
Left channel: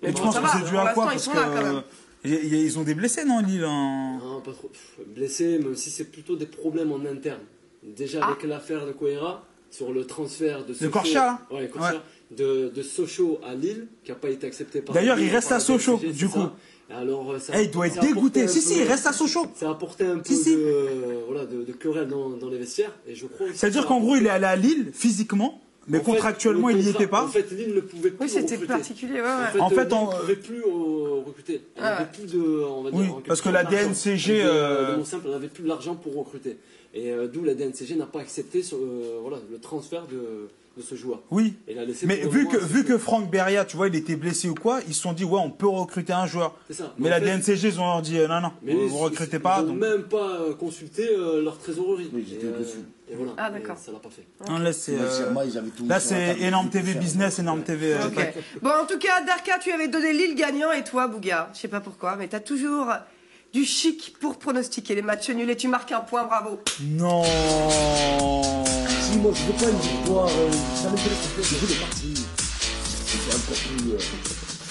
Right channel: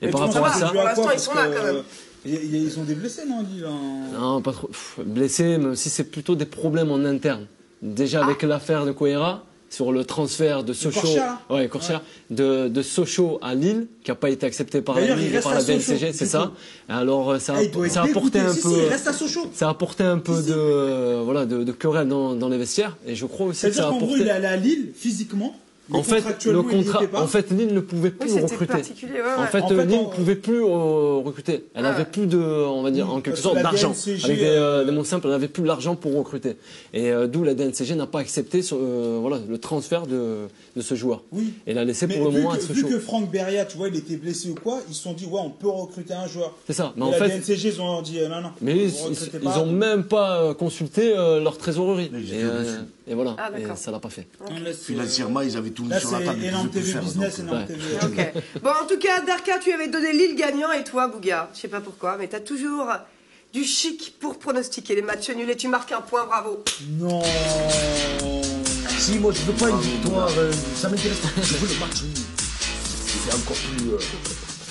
Et ça va, pour l'instant, ils sont là quand même. Et ils ont des blessés, non, Lille? Non, pas trop. Blessés, mais aussi c'est plutôt des problèmes en interne. Déjà avec l'affaire de Coera, sur le transfert de Sochaux, de Sochaux à Lille, qui n'a pas été accepté par D'ailleurs, il reste à Sochaux. C'est ça. Alors, ça il doit être dégoûté. Il reste à Sochaux. Ça a apporté un peu de querelle dans les vestiaires. Et je crois aussi. C'est-à-dire qu'en gros, il est allé à Lille physiquement. Mais contractuellement, il n'y était pas. En fait, Lille ne pouvait plus recruter. C'était particulier, En fait, Lille ne pouvait plus recruter. Elle n'avait plus de, on va dire, en quelque sorte, d'argent. De mon simple, elle n'avait plus l'argent pour recruter. Et d'où la DNCG n'a pas accepté le transfert de ce joueur. Oui. Et l'a laissé mais pour le moment. Vu que Franck Beria, tu vois, il était blessé ou quoi, ils se sont dit, ouais, on peut recruter un joueur. C'est ça. Mais la DNCG, ils ont dit, non, mais ils n'ont même pas consulté leur trésorerie. Et voilà, et ça l'a pas fait. Financièrement, ils avaient tout là, c'est énorme TV Business, énorme TV. Ok. Bon, en tout cas, Derka, tu avais donné Lille gagnant et toi, Bouga, je sais pas pourquoi, mais tu as toujours du chic pour pronostiquer les matchs nuls et tu marques un point, bravo. Non. Si, moi, je veux pas une victoire, ça m'intéresse pas. Je veux des matchs nuls. C'est encore plus...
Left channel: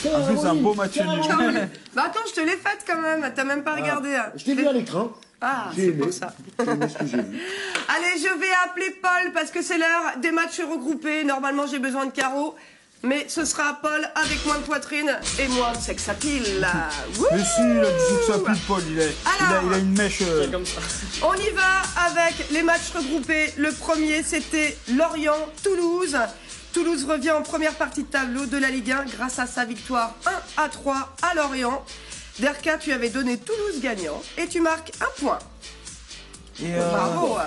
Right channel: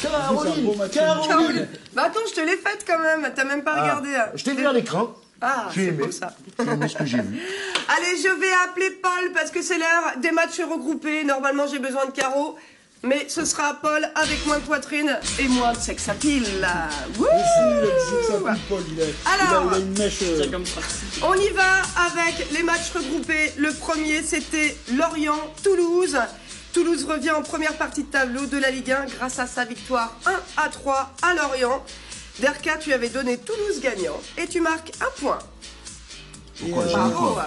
C'est un beau match nul. Bah attends, je te l'ai faite quand même, t'as même pas regardé. Je t'ai vu à l'écran. Ah, c'est pour ça. C'est ce que j'ai vu. Allez, je vais appeler Paul parce que c'est l'heure des matchs regroupés. Normalement, j'ai besoin de carreaux. Mais ce sera Paul avec moins de poitrine et moins de sex appeal. Mais si, il a du sex appeal, Paul. Il a une mèche. Comme ça. On y va avec les matchs regroupés. Le premier, c'était Lorient-Toulouse. Toulouse revient en première partie de tableau de la Ligue 1 grâce à sa victoire 1-3 à Lorient. Derka, tu avais donné Toulouse gagnant et tu marques un point. Bravo.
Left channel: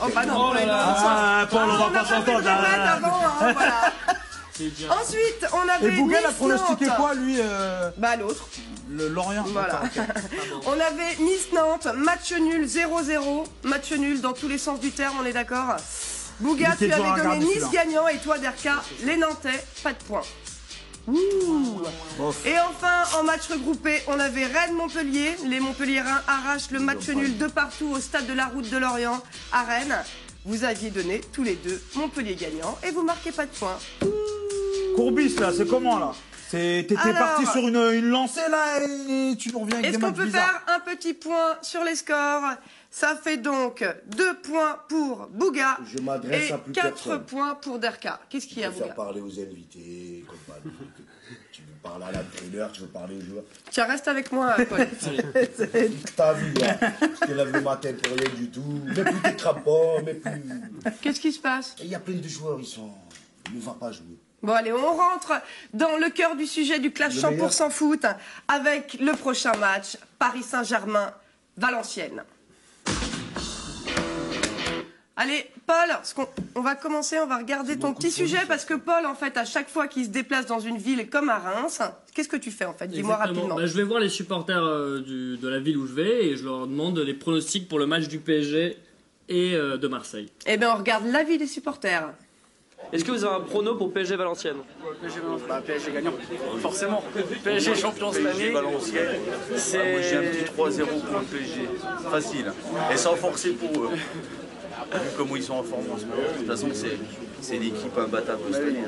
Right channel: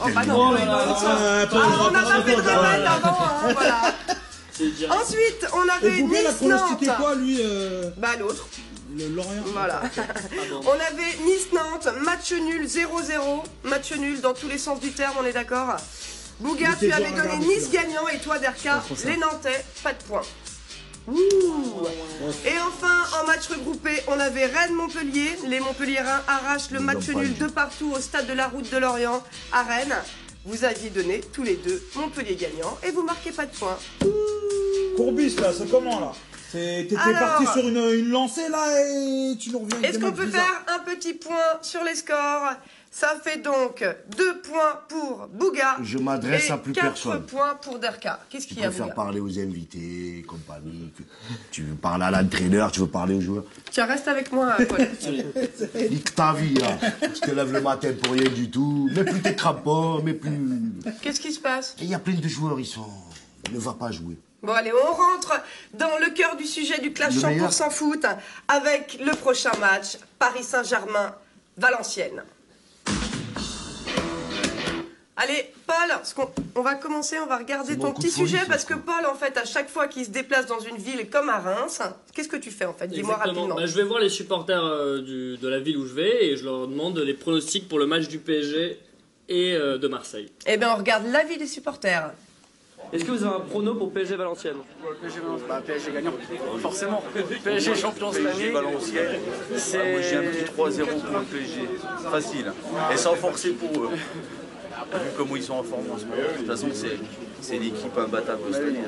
Oh bah non, on n'a pas fait de répète avant, hein, voilà. Ensuite, on avait Nice-Nantes. C'était quoi, lui Bah l'autre. Lorient. Voilà. On avait Nice-Nantes, match nul 0-0. Match nul dans tous les sens du terme, on est d'accord? Bouga, tu avais donné Nice gagnant et toi, Derka, les Nantais, pas de points. Ouh. Et enfin, en match regroupé, on avait Rennes-Montpellier. Les Montpelliérains arrachent le match nul de partout au stade de la Route de Lorient à Rennes. Vous aviez donné tous les deux Montpellier gagnant et vous marquez pas de points. Courbis, là, c'est comment, là? T'étais parti sur une lancée, là, et tu nous reviens avec Est-ce qu'on peut faire un petit point sur les scores? Ça fait donc 2 points pour Bouga et 4 points pour Derka. Qu'est-ce qu'il y a, Bouga? Tu peux faire parler aux invités, compagnie. Tu veux parler à l'entraîneur, tu veux parler aux joueurs. Tiens, reste avec moi, Paul. Nique ta vie, hein. Tu te lèves le matin pour rien du tout. Mais plus tes crampons, mais plus... Qu'est-ce qui se passe? Il y a plein de joueurs, ils ne vont pas jouer. Bon allez, on rentre dans le cœur du sujet du clash 100% foot avec le prochain match, Paris Saint-Germain-Valenciennes. Allez, Paul, on va commencer, on va regarder ton petit sujet parce que Paul, en fait, à chaque fois qu'il se déplace dans une ville comme à Reims, qu'est-ce que tu fais en fait? Dis-moi rapidement. Je vais voir les supporters de la ville où je vais et je leur demande les pronostics pour le match du PSG et de Marseille. Eh bien, on regarde l'avis des supporters. Est-ce que vous avez un prono pour PSG Valenciennes? PSG gagnant, forcément. PSG champion cette année. Valenciennes. Moi j'ai un petit 3-0 pour le PSG. Facile. Et sans forcer pour eux. Vu comment ils sont en forme en ce moment. De toute façon, c'est l'équipe imbattable cette année.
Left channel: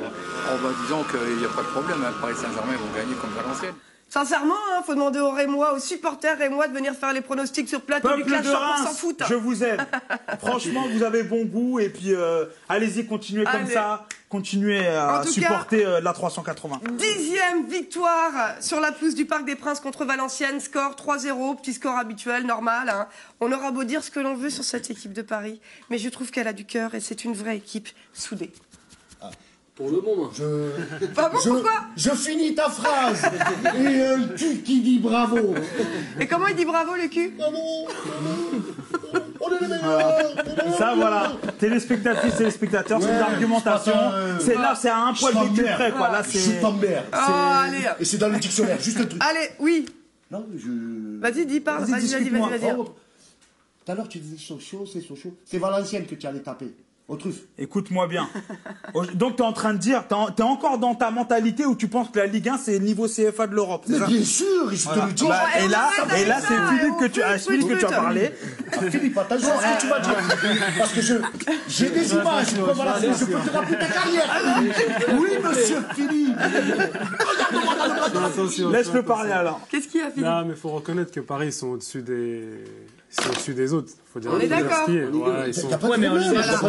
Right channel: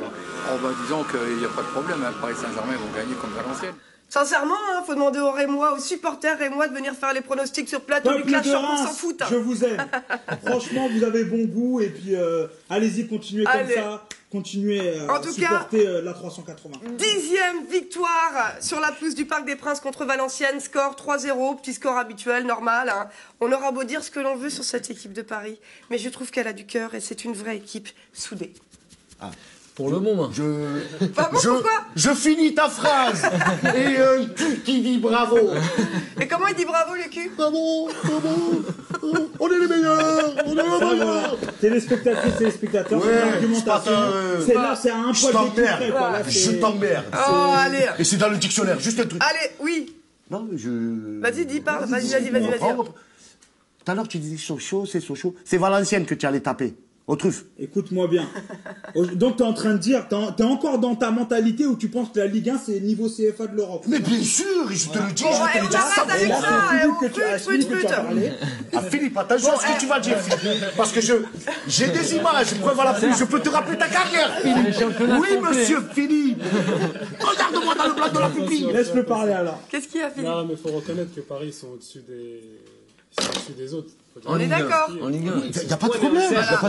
Disons qu'il n'y a pas de problème. Paris Saint-Germain vont gagner contre Valenciennes. Sincèrement, faut demander aux Rémois, aux supporters rémois de venir faire les pronostics sur plateau du clash 100% foot. Je vous aime. Franchement, vous avez bon goût et puis allez-y, continuez comme ça. Continuez à supporter la 380. 10e victoire sur la pelouse du Parc des Princes contre Valenciennes. Score 3-0, petit score habituel, normal. Hein. On aura beau dire ce que l'on veut sur cette équipe de Paris, mais je trouve qu'elle a du cœur et c'est une vraie équipe soudée. Pour le moment. Pourquoi? Je finis ta phrase. Et un cul qui dit bravo. Et comment il dit bravo, le cul? Bravo. On est les meilleurs. Ça, voilà. Téléspectateurs, c'est une argumentation. C'est là, c'est à un poil du près, quoi. Là, je t'emmerde. Oh, allez. Et c'est dans le dictionnaire, juste un truc. Allez, oui. Non, mais Vas-y, parle. Vas-y. Tout à l'heure, tu disais Sochaux, c'est Sochaux. C'est Valenciennes que tu allais taper. Aux truffes. Écoute-moi bien. Donc, tu es en train de dire, tu es encore dans ta mentalité où tu penses que la Ligue 1, c'est le niveau CFA de l'Europe. Mais bien sûr, je te le dis. Et là, c'est Philippe que tu as parlé. Philippe, attention à ce que tu vas dire. Parce que j'ai des images, je peux te rappeler ta carrière, Philippe. Oui, monsieur Philippe. Regarde-moi dans le plateau, Philippe. Laisse-le parler alors. Qu'est-ce qu'il y a, Philippe? Non, mais il faut reconnaître que Paris, ils sont au-dessus des autres. Faut dire on est d'accord. T'as pas de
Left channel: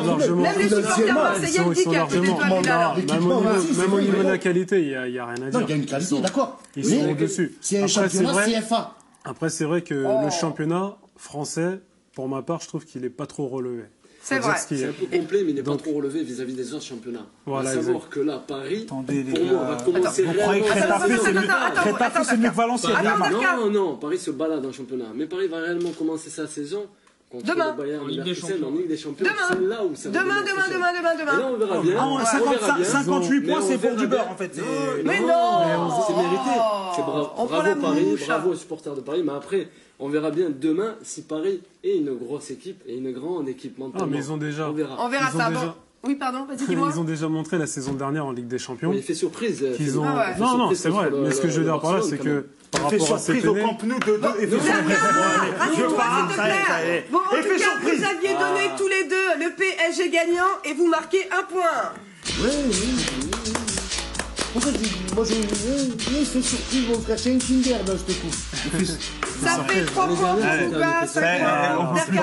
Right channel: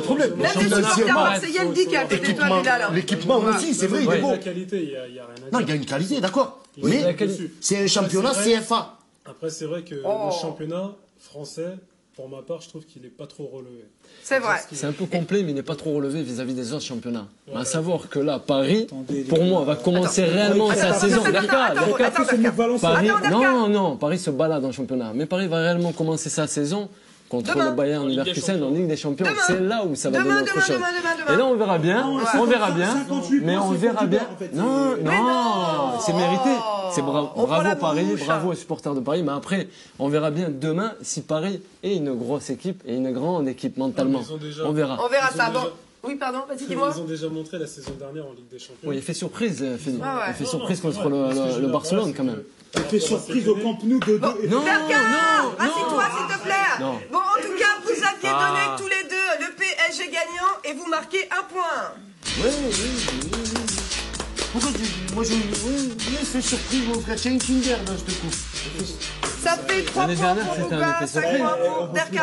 problème. Même les supporters marseillais le disent qu'à l'équipement aussi, c'est vrai. Il y a la qualité, il n'y a rien à dire. Non, il y a une qualité, d'accord. Oui, c'est un championnat CFA. Après, c'est vrai que le championnat français, pour ma part, je trouve qu'il n'est pas trop relevé. C'est vrai. C'est un peu complet, mais il n'est pas trop relevé vis-à-vis des autres championnats. À savoir que là, Paris, pour moi, va commencer réellement sa saison. Non, Paris se balade en championnat. Mais Paris va réellement commencer sa saison contre le Bayern Leverkusen en Ligue des Champions. C'est là où ça va donner autre chose. Et là, on verra bien. On verra bien. 58 points, c'est pour du beurre, en fait. Non, c'est mérité. C'est bravo Paris, bravo aux supporters de Paris. Mais après, on verra bien demain si Paris est une grosse équipe et une grande équipe mentalement. On verra. On verra ça. Bon. Oui, pardon, vas-y, dis-moi. Ils ont déjà montré la saison dernière en Ligue des Champions. Oui, il fait surprise. Non, c'est vrai. Mais ce que je veux dire par là, c'est que il fait surprise au Camp Nou de rassure-toi, s'il te plaît. Bon, en tout cas, vous aviez donné tous les deux le PSG gagnant et vous marquez un point. Oui. Pourquoi moi je fais surprise, mon frère, c'est un Kinder dans ce coup. Ça fait 3 points pour Bouga, 5 points pour Derka.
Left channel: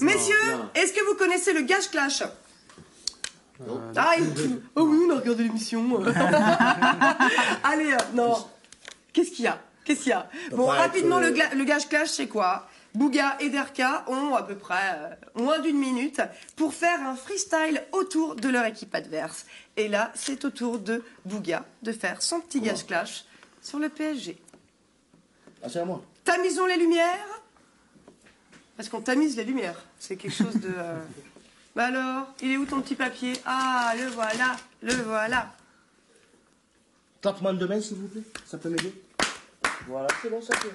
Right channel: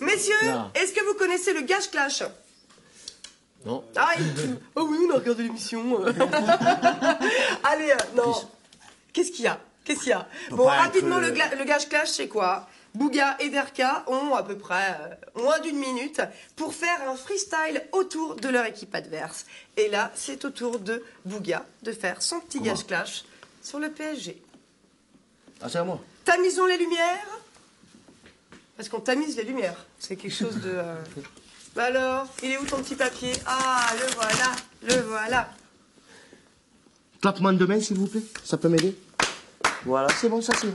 Messieurs, est-ce que vous connaissez le Gage Clash? Non. Oh oui, on a regardé l'émission. Allez, non. Qu'est-ce qu'il y a? Bon, rapidement, le Gage Clash, c'est quoi? Bouga et Derka ont à peu près moins d'une minute pour faire un freestyle autour de leur équipe adverse. Et là, c'est au tour de Bouga de faire son petit Gage Clash sur le PSG. Ah, c'est à moi. Tamisons les lumières. Parce qu'on tamise les lumières. C'est quelque chose de... Bah alors, il est où ton petit papier? Ah, le voilà. Claquement de main, s'il vous plaît. Ça peut m'aider? Voilà, c'est bon, ça y est.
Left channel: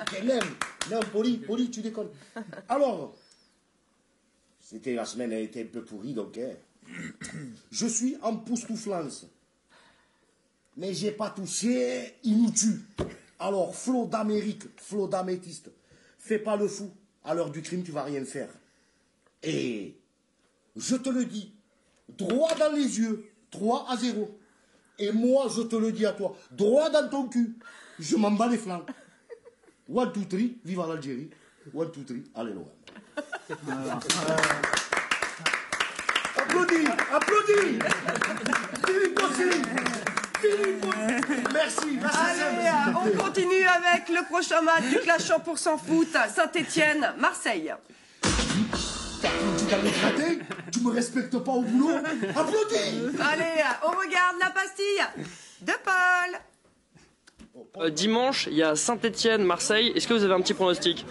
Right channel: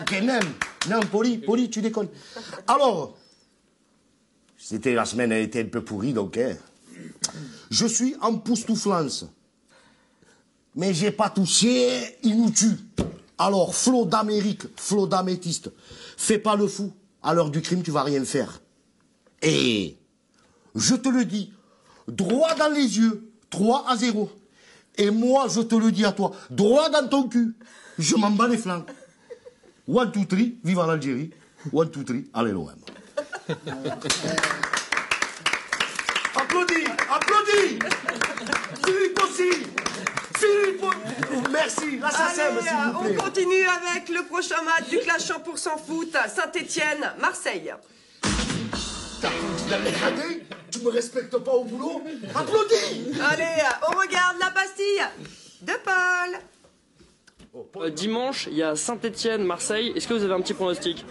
Ok, même. Non, poli, tu déconnes. Alors, la semaine a été un peu pourrie, donc, je suis en poustouflance. mais j'ai pas touché, il nous tue. Alors, flot d'Amérique, flot d'améthyste, fais pas le fou. À l'heure du crime, tu vas rien faire. Et je te le dis, droit dans les yeux, 3-0. Et moi, je te le dis à toi, droit dans ton cul, je m'en bats les flancs. 1, 2, 3, vive l'Algérie. 1, 2, 3, allez l'OM. Applaudis, applaudis. Philippe aussi. Philippe, merci. Allez, on continue avec le prochain match du Clash 100% foot, Saint-Etienne, Marseille. Tu me respectes pas au boulot? Applaudis. Allez, on regarde la pastille de Paul. Dimanche, il y a Saint-Etienne, Marseille. Est-ce que vous avez un petit pronostic?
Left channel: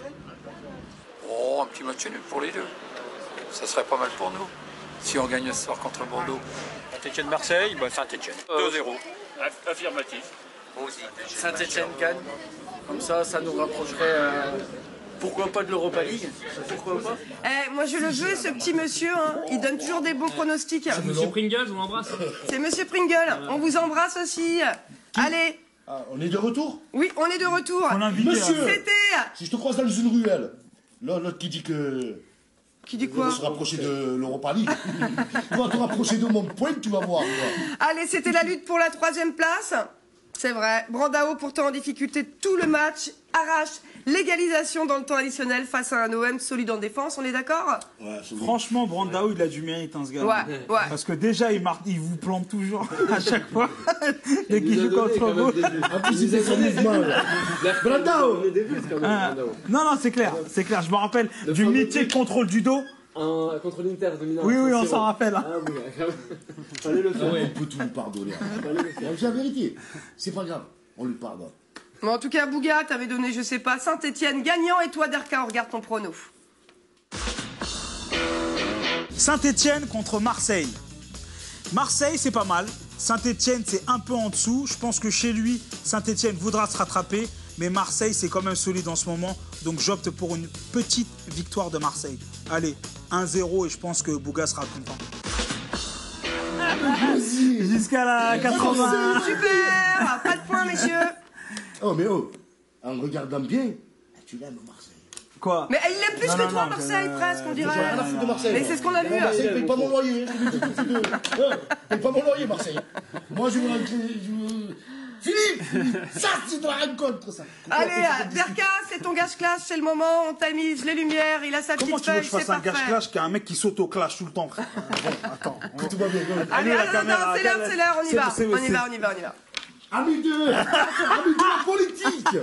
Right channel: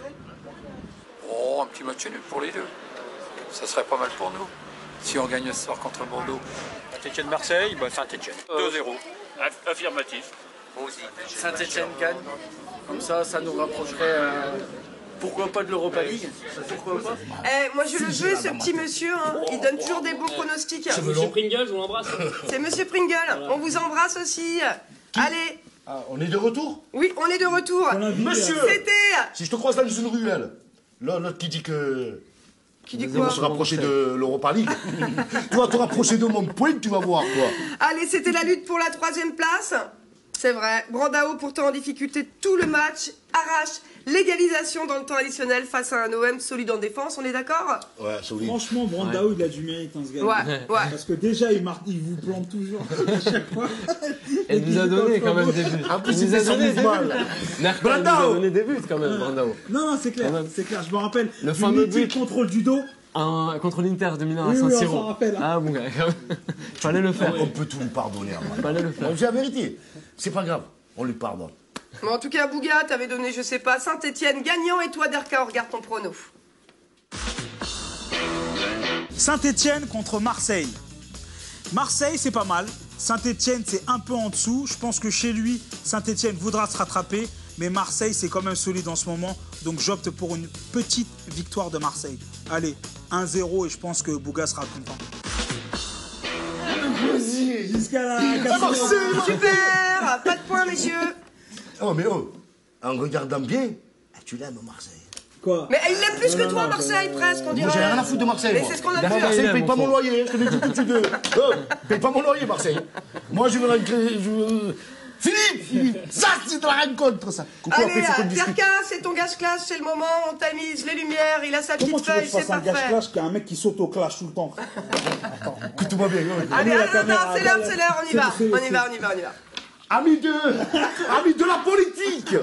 Oh, un petit match nul pour les deux. Ça serait pas mal pour nous. Si on gagne ce soir contre Bordeaux. Saint-Etienne-Marseille, bah Saint-Etienne. 2-0. Affirmatif. Saint-Etienne gagne. Comme ça, ça nous rapprocherait. Pourquoi pas de l'Europa League? Pourquoi pas? Moi je le veux, ce petit monsieur, hein. Il donne toujours des bons pronostics. C'est Monsieur Pringles, je vous embrasse. C'est Monsieur Pringle, on vous embrasse aussi. Allez. Ah, on est de retour? Oui, on est de retour. Monsieur, c'était... Si je te croise dans une ruelle, l'autre qui dit que... Qui dit quoi? On se rapprocher de l'Europa League. Tu vas te rapprocher de mon point, tu vas voir. Quoi. Allez, c'était la lutte pour la 3e place. C'est vrai. Brandao, pourtant en difficulté tout le match, arrache l'égalisation dans le temps additionnel face à un OM solide en défense. On est d'accord? Ouais, franchement, Brandao, il a du mérite, hein, ce gars. Ouais. Parce que déjà, il vous plante toujours à chaque fois. Et qu'il nous a donné quand même des buts. En plus, il fait son mouvement. Brandao. Des buts quand même, Brandao. Non, c'est clair, c'est clair. Je me rappelle du métier contrôle du dos. Contre l'Inter de Milan. Oui, on s'en rappelle. Ah bon, fallait le faire. On peut tout lui pardonner. C'est la vérité. C'est pas grave, on lui pardonne. Bon, en tout cas, Bouga, t'avais donné, je sais pas, Saint-Etienne gagnant, et toi, Derka, on regarde ton prono. Saint-Etienne contre Marseille. Marseille, c'est pas mal. Saint-Etienne, c'est un peu en dessous. Je pense que chez lui, Saint-Etienne voudra se rattraper. Mais Marseille, c'est quand même solide en ce moment. Donc j'opte pour une petite victoire de Marseille. Allez, 1-0 et je pense que Bouga sera content. Jusqu'à la 80. Super. Pas de points, messieurs. Oh, mais en regardant bien, tu l'aimes, Marseille. Quoi? Mais il l'aime plus que toi, Marseille, presque, on dirait. J'ai rien à foutre de Marseille. Mais c'est ce qu'on a vu. Marseille, paye pas mon loyer. Paye pas mon loyer, Marseille. Moi, je veux rentrer. Philippe, ça, c'est de la rencontre, ça. Allez, Derka, c'est ton gage-clash, c'est le moment, on tamise les lumières, il a sa petite feuille, c'est parfait. Comment tu veux que je fasse un gage-clash qu'il y a un mec qui saute au clash tout le temps? Attends, écoute-moi bien. Allez, attends, c'est l'heure, on y va. On y va. Amis de la politique.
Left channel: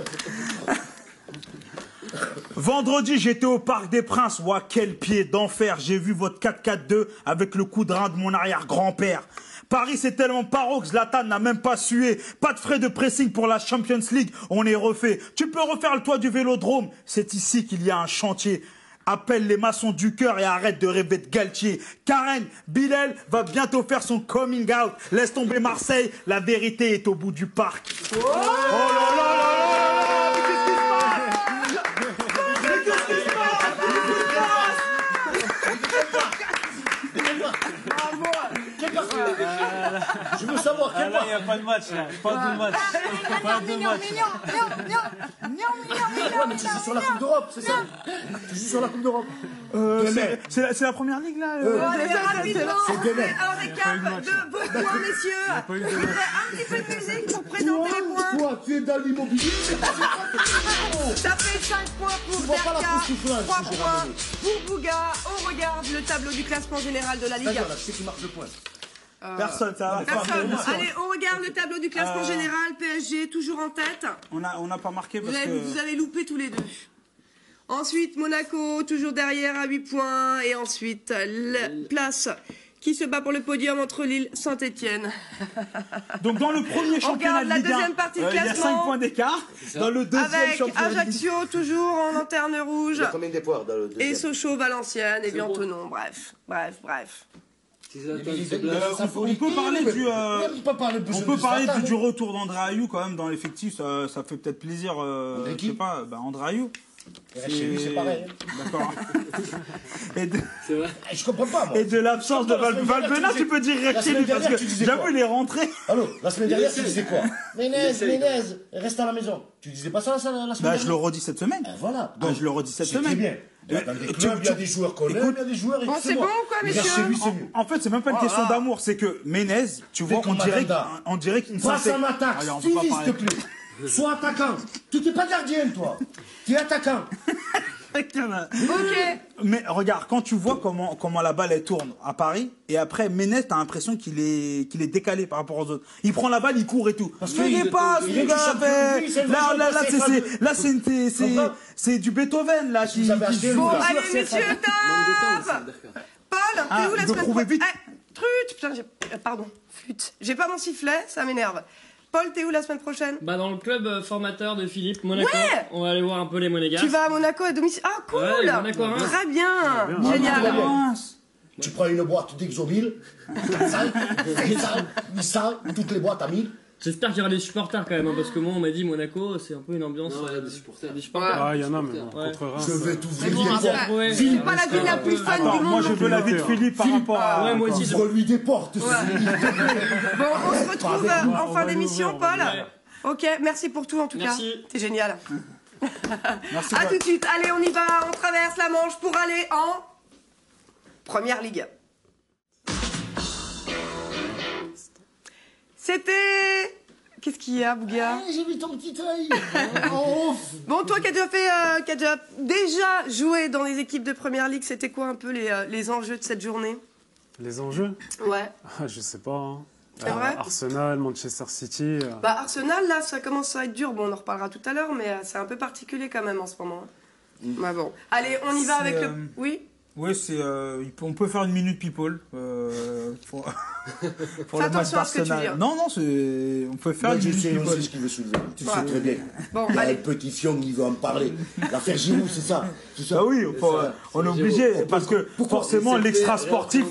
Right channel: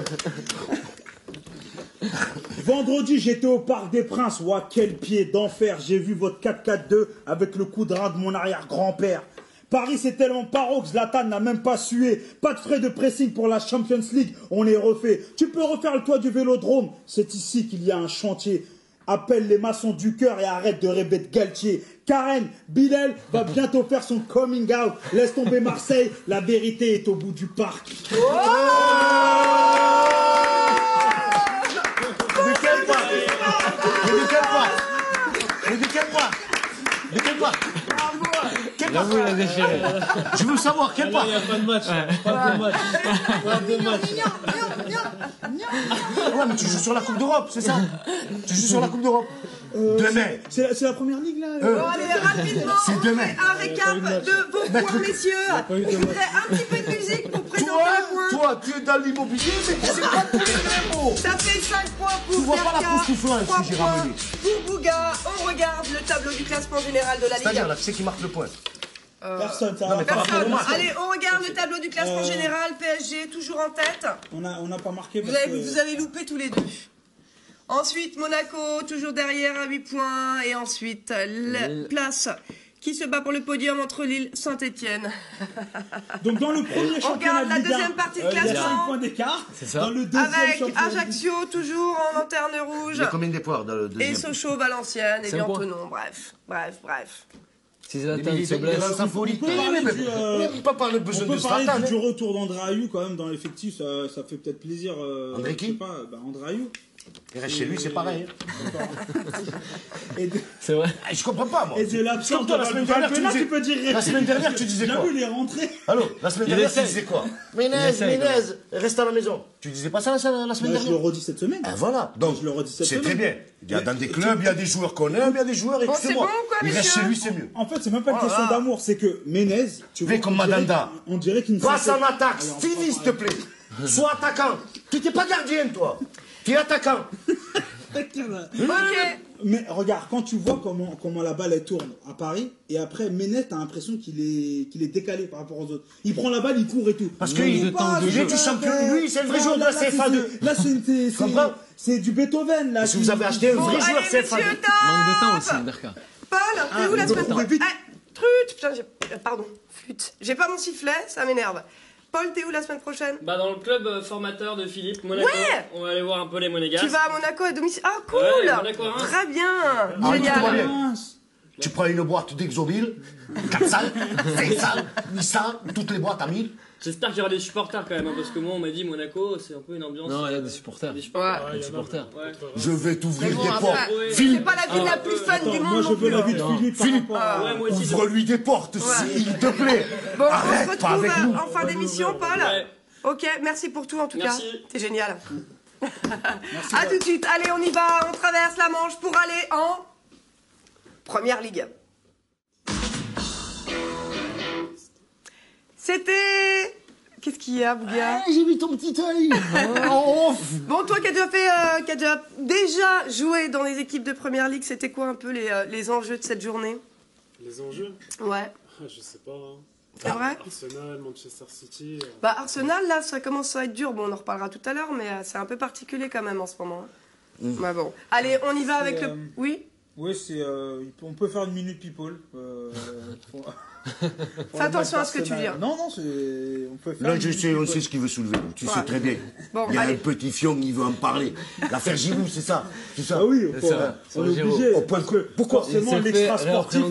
Vendredi, j'étais au Parc des Princes. Ouah, quel pied d'enfer. J'ai vu votre 4-4-2 avec le coup de rein de mon arrière-grand-père. Paris, c'est tellement paro que Zlatan n'a même pas sué. Pas de frais de pressing pour la Champions League. On est refait. Tu peux refaire le toit du Vélodrome. C'est ici qu'il y a un chantier. Appelle les maçons du cœur et arrête de rêver de Galtier. Karen, Bilal va bientôt faire son coming out. Laisse tomber Marseille. La vérité est au bout du parc. Je veux savoir quel part. Il n'y a pas de match. Pas de match. Ouais, mais tu joues sur la Coupe d'Europe, c'est ça? Tu joues sur la Coupe d'Europe. Demain. C'est la première ligue, là. Allez, rapidement, on fait un récap de vos points, messieurs. Je voudrais un petit peu de musique pour présenter les points. Toi, tu es dans l'immobilier, mais c'est pas tous les euros. Ça fait 5 points pour Derka, 3 points pour Bouga. On regarde le tableau du classement général de la Ligue. Qui c'est qui marque le point? Personne, ça va. Personne. Allez, on regarde le tableau du classement général. PSG toujours en tête. On n'a pas marqué. Vous avez loupé tous les deux. Ensuite, Monaco, toujours derrière à 8 points. Et ensuite, la place qui se bat pour le podium entre Lille et Saint-Etienne. Donc dans le premier championnat, on regarde la deuxième partie de classement. Il y a 5 points d'écart. Dans le deuxième avec Ajaccio, toujours en lanterne rouge. Il y a combien d'espoirs dans le deuxième? Et Sochaux, Valenciennes et Bientonon. Bref. Si Zlatan se blesse, on peut parler du retour d'André Ayew quand même dans l'effectif, ça fait peut-être plaisir. André je sais pas, André Ayew. Il reste chez lui, c'est pareil. C'est vrai. Je comprends pas, moi. Et de l'absence de Valbuena, tu peux dire la semaine dernière, tu disais quoi? J'avoue, il est rentré. Allô, la semaine dernière, tu disais quoi? Menez, reste à la maison. Tu disais pas ça la semaine dernière? Je le redis cette semaine. Voilà. Donc, je le redis cette semaine. C'est très bien. Il y a dans des clubs, il y a des joueurs qu'on aime, il y a des joueurs. Bon, c'est bon ou quoi, messieurs? Chez lui, c'est mieux. En fait, c'est même pas une question d'amour, c'est que Menez, tu vois, on dirait qu'il ne passe en attaque, Stevie, s'il te plaît. Sois attaquant. Tu n'es pas gardien, toi. Tu es attaquant. Ok. Mais regarde, quand tu vois comment la balle elle tourne à Paris, et après Menez, t'as l'impression qu'il est décalé par rapport aux autres. Il prend la balle, il court et tout. Parce qu'il est pas, il est du champion. Lui, c'est le vrai joueur. Là, c'est du Beethoven là. Si vous avez acheté bon, allez, messieurs, top. Paul, t'es où la semaine prochaine? Trut, putain, pardon, flûte. J'ai pas mon sifflet, ça m'énerve. Paul, t'es où la semaine prochaine? Bah dans le club formateur de Philippe, Monaco. Ouais. On va aller voir un peu les Monégasques. Tu vas à Monaco à domicile? Ah cool, ouais, Monaco, hein. Très bien, génial. Tu prends une boîte d'Exomil, 400, 500, 800, toutes les boîtes à 1000. J'espère qu'il y aura des supporters quand même, hein, parce que moi on m'a dit Monaco c'est un peu une ambiance. Non, il y a des supporters. Des supporters. Ah, il y en a. Ouais. Je vais t'ouvrir bon, les portes. C'est pas la ville la plus fun du monde. Moi je veux la vie de Philippe. Ouais, moi aussi. Ouvre-lui des portes, s'il te plaît. Bon, on se retrouve en fin d'émission, Paul. Ok, merci pour tout en tout cas. T'es génial. À tout de suite. Allez, on y va. On traverse la Manche pour aller en Première Ligue. C'était... Qu'est-ce qu'il y a, Bouga? J'ai vu ton petit œil. Bon, toi qui as déjà joué dans les équipes de Première Ligue, c'était quoi un peu les enjeux de cette journée? Les enjeux? Ouais. Je sais pas. Hein. C'est vrai? Arsenal, Manchester City. Bah Arsenal, là, ça commence à être dur. Bon, on en reparlera tout à l'heure, mais c'est un peu particulier quand même en ce moment. Bah bon. Allez, on y va avec le... Oui? Oui, on peut faire une minute people. Fais attention à ce que tu dis. Non, on peut faire une minute people. On sait ce qu'il veut soulever. Tu sais très bien. Bon, il y a allez. un petit fion qui veut en parler. L'affaire Giroud, c'est ça. Ah oui, on est obligé. Parce que forcément, l'extra sportif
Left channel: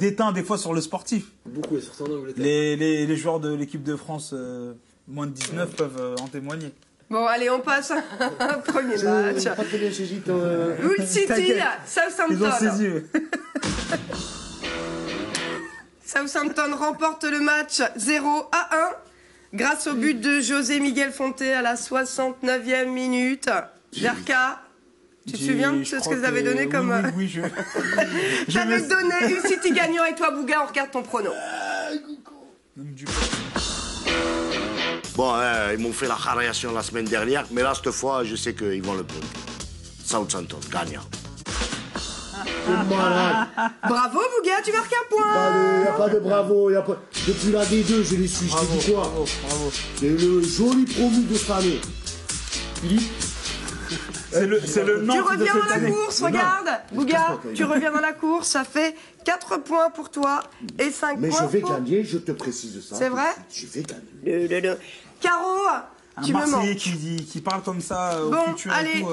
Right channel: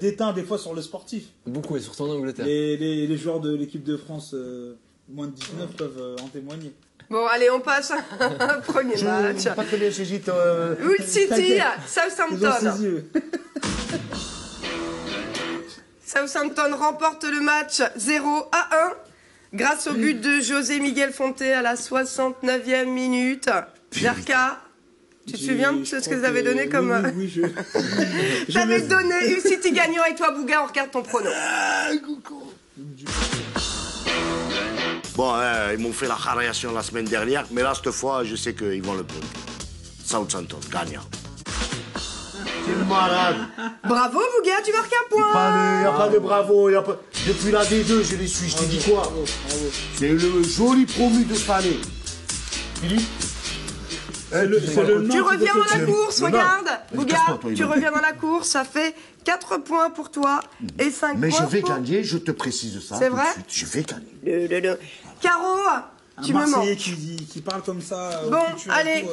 déteint des fois sur le sportif. Beaucoup, et surtout en Angleterre. Les joueurs de l'équipe de France, moins de 19, peuvent en témoigner. Bon, allez, on passe à un premier match. Hull City, Southampton. Southampton remporte le match 0-1 grâce au but de José Miguel Fonte à la 69e minute. Jarka, tu te souviens de ce que vous avez donné comme... Oui, J'avais donné Hull City gagnant et toi, Bouga, on regarde ton prono. Bon, ils m'ont fait la radiation la semaine dernière, mais là, cette fois, je sais qu'ils vont le prendre. Southampton, gagnant. C'est malade. Bravo, Bouga, tu marques un point. Il n'y a pas de bravo. Depuis la D2, je les suis. Je te dis quoi? C'est le joli promu de cette année. Philippe. Tu reviens dans la course, regarde. Bouga, tu reviens dans la course, ça fait 4 points pour toi et 5 points pour... Mais je vais gagner, je te précise ça. C'est vrai? Je vais gagner. Caro, tu me mens. Qui parle comme ça. Bon, allez.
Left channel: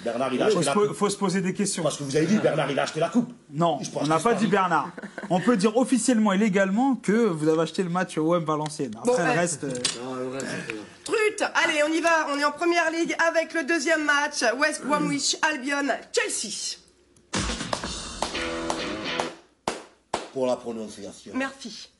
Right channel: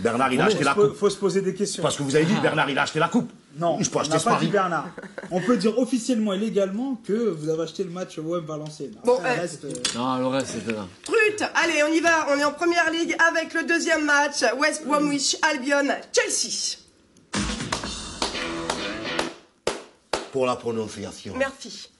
Bernard, il a acheté la coupe. Faut se poser des questions. Parce que vous avez dit, Bernard, il a acheté la coupe. Non, on n'a pas dit Bernard. On peut dire officiellement et légalement que vous avez acheté le match au OM Valenciennes. Après, bon, le reste... Non, le reste, c'était là. Trut, allez, on y va. On est en Première Ligue avec le deuxième match. West Bromwich Albion, Chelsea. Pour la prononciation. Merci.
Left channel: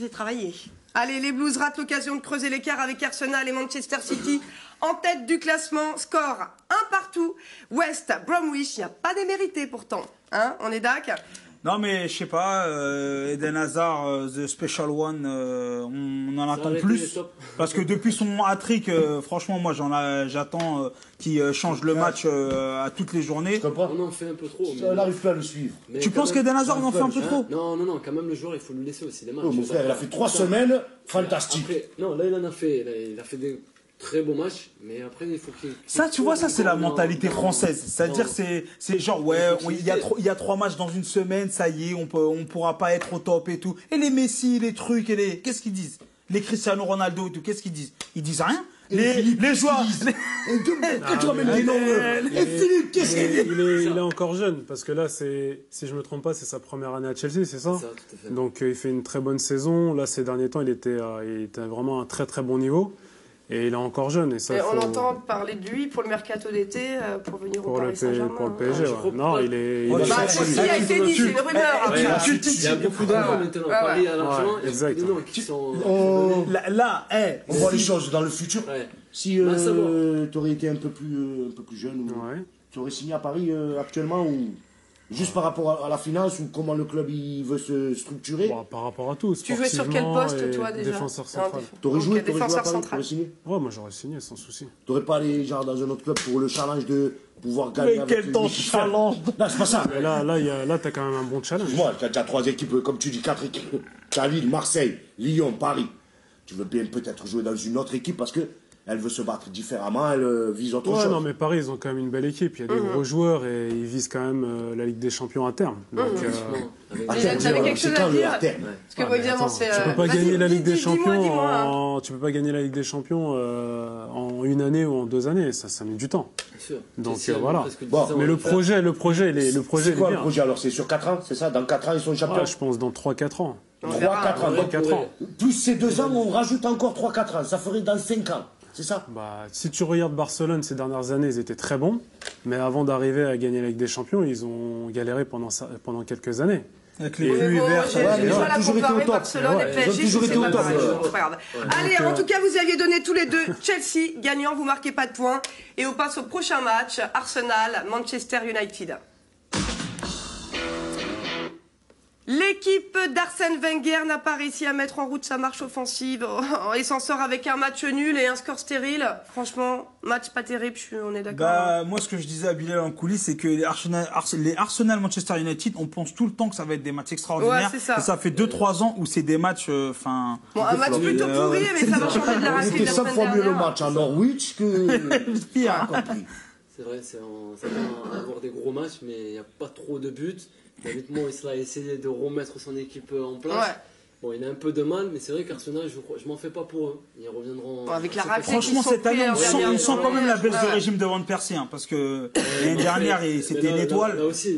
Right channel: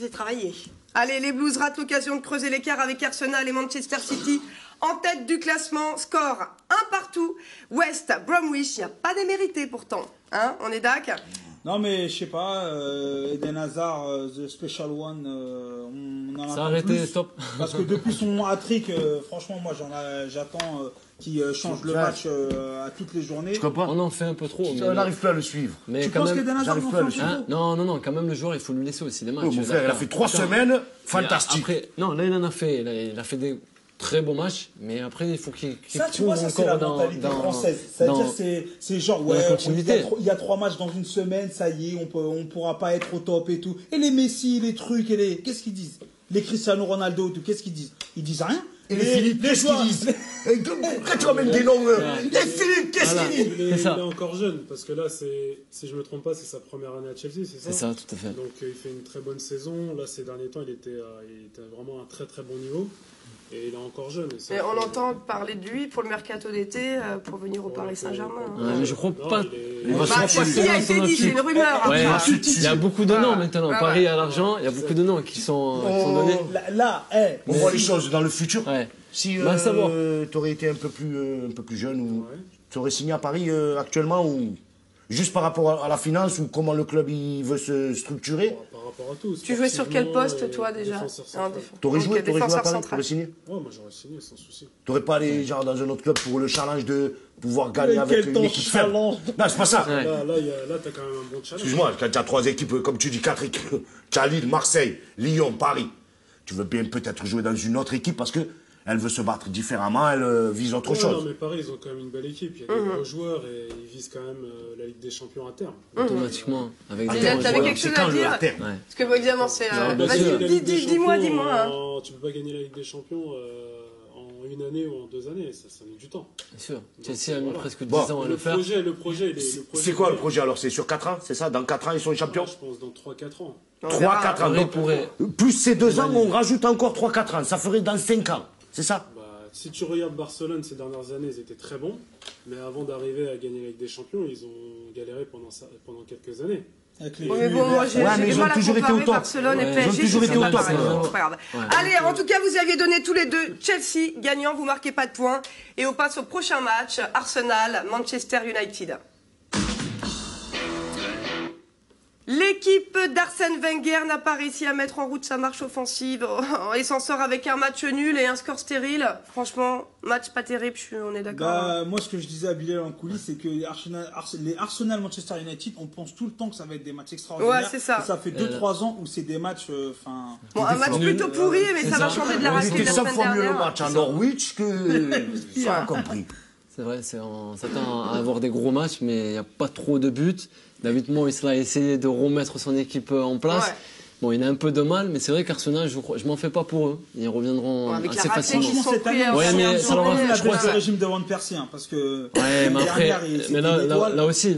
C'est travaillé. Allez, les Blues ratent l'occasion de creuser l'écart avec Arsenal et Manchester City en tête du classement. Score 1 partout. West Bromwich, il n'y a pas démérité pourtant. Hein, on est d'accord? Non mais je sais pas, Eden Hazard, the special one, on en attend plus. Parce que depuis son hat-trick, franchement moi j'attends qu'il change le match à toutes les journées. On en fait un peu trop. On n'arrive plus à le suivre. Mais tu penses qu'Eden Hazard en fait un peu trop? Non, quand même le joueur il faut lui laisser aussi des matchs. Mon frère, il a fait 3 semaines, fantastique. Après, non, là il en a fait, il a fait des très beau match, mais après il faut qu'il... Ça, tu vois, ça c'est la mentalité française. C'est-à-dire, c'est genre, ouais, il y a 3 matchs dans une semaine, ça y est, on pourra pas être au top et tout. Et les Messi, les trucs, qu'est-ce qu'ils disent? Les Cristiano Ronaldo et tout, qu'est-ce qu'ils disent? Ils disent rien. les joueurs. Pourquoi tu ramènes des noms Et Philippe, qu'est-ce qu'il dit? Il est encore jeune, parce que là, si je ne me trompe pas, c'est sa première année à Chelsea, c'est ça? C'est ça, tout à fait. Donc il fait une très bonne saison. Là, ces derniers temps, il était vraiment à un très très bon niveau. Et il est encore jeune. Et ça, on entend parler de lui pour le mercato d'été, pour venir au Paris Saint-Germain. Je crois pas. C'est ce qui a été dit, c'est une rumeur. Il y a beaucoup de noms maintenant. Paris a l'argent, il y a beaucoup de noms qui sont donnés. Là, on voit les choses dans le futur. Si tu aurais été un peu plus jeune, tu aurais signé à Paris actuellement ou juste par rapport à la finance ou comment le club il veut se structurer? Par rapport à tout. Tu jouais sur quel poste, toi, déjà? T'aurais joué défenseur central. Ouais, moi j'aurais signé sans souci. T'aurais pas allé genre dans un autre club pour le challenge de pouvoir gagner avec une équipe faible? Non, c'est pas ça. Là, t'as quand même un bon challenge. Excuse-moi, quand tu as 3 équipes, comme tu dis, 4 équipes, tu as Lille, Marseille, Lyon, Paris. Tu veux bien peut-être jouer dans une autre équipe parce que elle veut se battre différemment, elle vise autre chose. Non, mais Paris, ils ont quand même une belle équipe. Il y a des gros joueurs et ils visent quand même la Ligue des Champions à terme. T'avais quelque chose à dire? Parce que, évidemment, c'est. Vas-y, dis-moi. Tu peux pas gagner la Ligue des Champions en une année ou en 2 années. Ça met du temps. Bien sûr. Donc voilà. Mais le projet, c'est quoi le projet alors? C'est sur 4 ans, c'est ça? Dans 4 ans, ils sont champions? Je pense dans 3-4 ans. 3-4 ans. Plus ces 2 ans, on rajoute encore 3-4 ans. Ça ferait dans 5 ans. C'est ça? Si tu regardes Barcelone ces dernières années, ils étaient très bons, mais avant d'arriver à gagner la Ligue des Champions, ils ont galéré pendant quelques années. Mais bon, moi j'ai du mal à comparer Barcelone et PSG, c'est pas pareil. C'est pas grave. Allez, en tout cas, vous aviez donné tous les deux Chelsea gagnant, vous marquez pas de points. Et on passe au prochain match, Arsenal, Manchester United. L'équipe d'Arsène Wenger n'a pas réussi à mettre en route sa marche offensive et s'en sort avec un match nul et un score stérile. Franchement, match pas terrible, on est d'accord. Moi, ce que je disais à Bilal en coulisses, c'est que les Arsenal Manchester United, on pense tout le temps que ça va être des matchs extraordinaires. Ouais, c'est ça. Et ça fait 2-3 ans où c'est des matchs. Bon, un match plutôt pourri, mais ça va changer de la raclée de la semaine dernière. Mieux le match à Norwich que. J'ai compris. C'est vrai, on s'attend à avoir des gros matchs, mais il n'y a pas trop de buts. David Moyes a essayé de remettre son équipe en place. Ouais. Bon, il a un peu de mal, mais c'est vrai qu'Arsenal, je m'en fais pas pour eux. Ils reviendront avec assez la raclée qui sont pris. Ils sont quand même la baisse du régime de Van Persie, parce que l'année dernière, c'était l'étoile. Là aussi,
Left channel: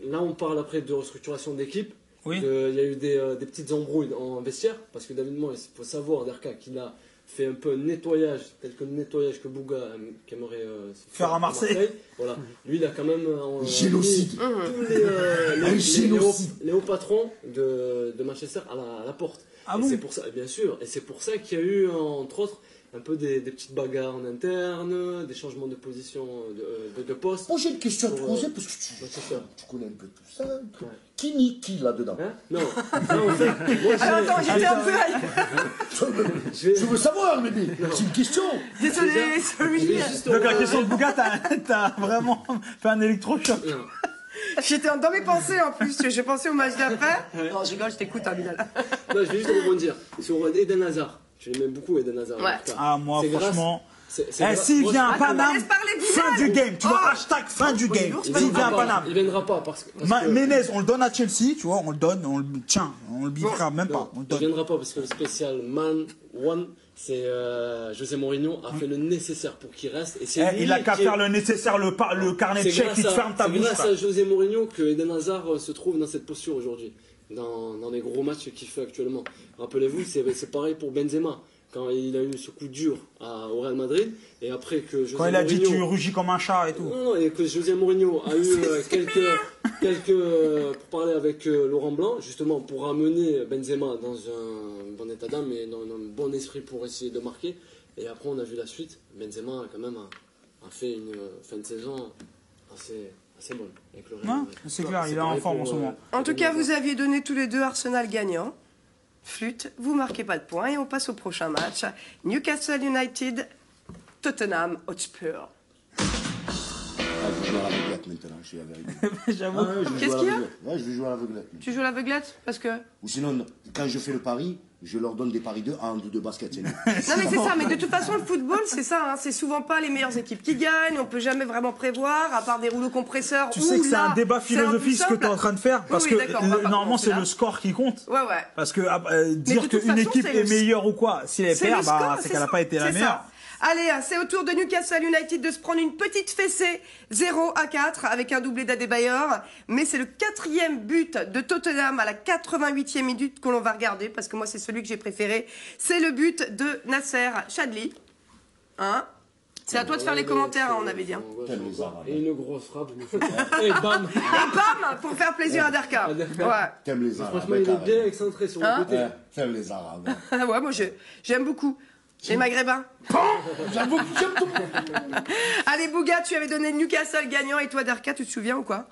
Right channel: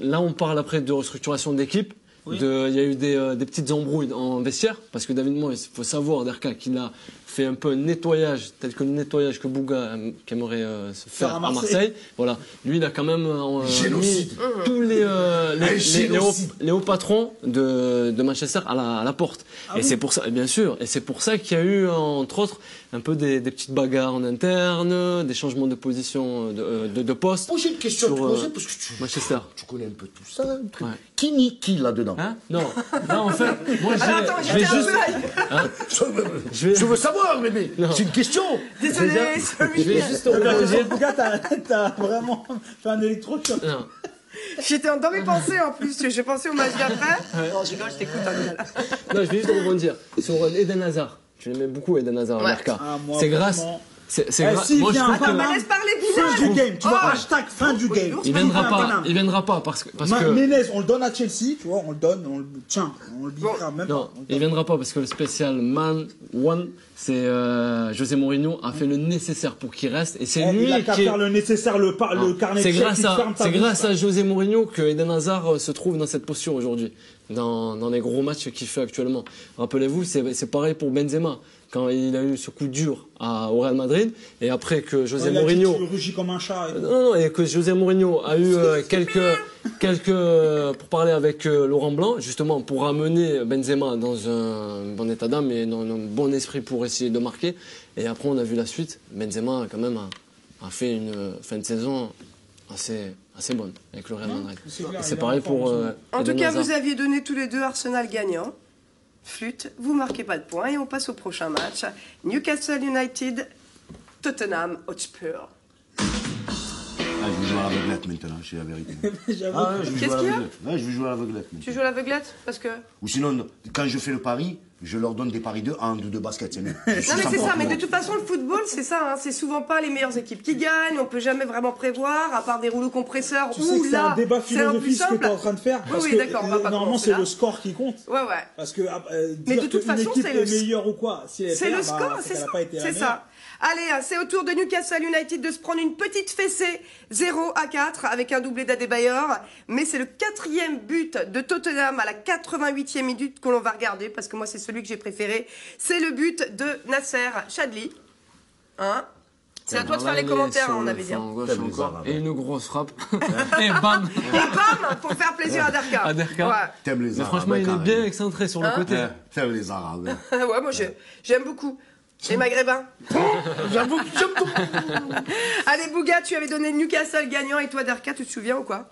là, on parle après de restructuration d'équipe. Oui. Il y a eu des petites embrouilles en vestiaire, parce que David Moyes, il faut savoir, Derka, qu'il a fait un peu un nettoyage, tel que le nettoyage que Bouga aimerait se faire à Marseille. Voilà. Lui, il a quand même mis tous les hauts patrons de Manchester à la porte. Et c'est pour ça, bien sûr, et c'est pour ça qu'il y a eu, entre autres, un peu des petites bagarres en interne, des changements de position de poste. Bon, j'ai une question à te poser, parce que Manchester. Tu connais un peu tout ça. Ouais. Qui nie qui là-dedans? Non, en fait, moi attends, j'étais un peu je veux savoir, bébé. C'est une question. Désolé, sorry. La question de Bouga, t'as vraiment fait un électrochoc. J'étais dans mes pensées en plus, j'ai pensé au match d'après. Non, je rigole, je t'écoute, Bilal. Non, je vais juste rebondir sur Eden Hazard. Je l'aimais beaucoup, Eden Hazard. Ouais. C'est grâce. S'il vient à Paname, fin du game, tu vois, hashtag fin du game. Il viendra pas parce que Menez, on le donne à Chelsea, tu vois, on le donne, on le bifera même pas. Il viendra pas parce que le spécial Man One, c'est José Mourinho a fait le nécessaire pour qu'il reste et c'est lui il a qu'à faire le nécessaire, le carnet de chèques qui te ferme ta bouche. C'est grâce à José Mourinho que Eden Hazard se trouve dans cette posture aujourd'hui, dans les gros matchs qu'il fait actuellement. Rappelez-vous, c'est pareil pour Benzema. Quand il a eu ce coup dur au Real Madrid, et après que José Mourinho... Tu rugis comme un chat et tout. Non, et que José Mourinho a eu quelques pour parler avec Laurent Blanc, justement pour ramener Benzema dans un bon état d'âme et dans un bon esprit pour essayer de marquer. Et après, on a vu la suite. Benzema, quand même, a fait une fin de saison assez bonne avec le Real Madrid. C'est pareil pour... En tout cas, vous aviez donné tous les deux Arsenal gagnant. Flûte, vous marquez pas de points et on passe au prochain match. Newcastle United, Tottenham Hotspur. Je vais jouer à l'aveuglette maintenant, je suis la vérité. Qu'est-ce qu'il y a? Je vais jouer à l'aveuglette. Tu joues à l'aveuglette? Parce que... Ou sinon, quand je fais le pari, je leur donne des paris de hand ou de basket. Non mais c'est ça, mais de toute façon le football c'est ça, hein, c'est souvent pas les meilleures équipes qui gagnent, on peut jamais vraiment prévoir, à part des rouleaux compresseurs. Tu sais que c'est un débat philosophique ce que tu es en train de faire, parce que normalement c'est le score qui compte. Ouais. Parce que dire qu'une équipe est meilleure ou quoi, si elle perd, c'est qu'elle n'a pas été la meilleure. Allez, c'est au tour de Newcastle United de se prendre une petite fessée 0-4 avec un doublé d'Adebayor. Mais c'est le 4e but de Tottenham à la 88e minute que l'on va regarder parce que moi c'est celui que j'ai préféré. C'est le but de Nasser Chadli. Hein? C'est à toi de faire les commentaires, on avait dit. Et une grosse frappe. Et bam! Et bam! Pour faire plaisir à Derka. Ouais. T'aimes les Arabes. Franchement, il est bien excentré sur le côté. T'aimes les Arabes. Ouais, moi j'aime beaucoup. Les Maghrébins. J'avoue, j'aime beaucoup. Allez, Bouga, tu avais donné Newcastle gagnant et toi, Derka, tu te souviens ou quoi?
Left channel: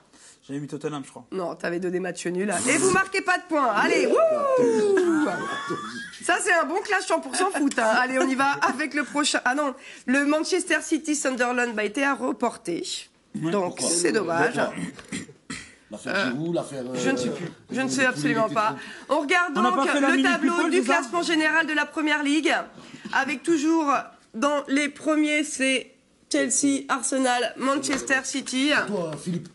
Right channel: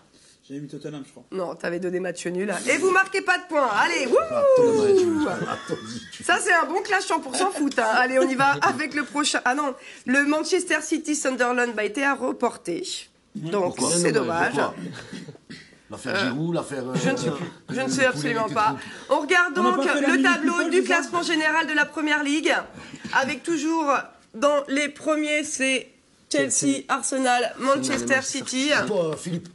J'avais mis Tottenham, je crois. Non, t'avais donné match nul. Et vous marquez pas de points. Allez, wouh! Ça, c'est un bon clash 100% foot. Hein. Allez, on y va avec le prochain. Ah non, le Manchester City Sunderland a été à reporter. Donc, c'est dommage. L'affaire Giroud, l'affaire... Je ne sais plus. Je ne sais absolument pas. On regarde donc le tableau du classement général de la Première Ligue. Avec toujours dans les premiers, c'est Chelsea, Arsenal, Manchester City. Philippe,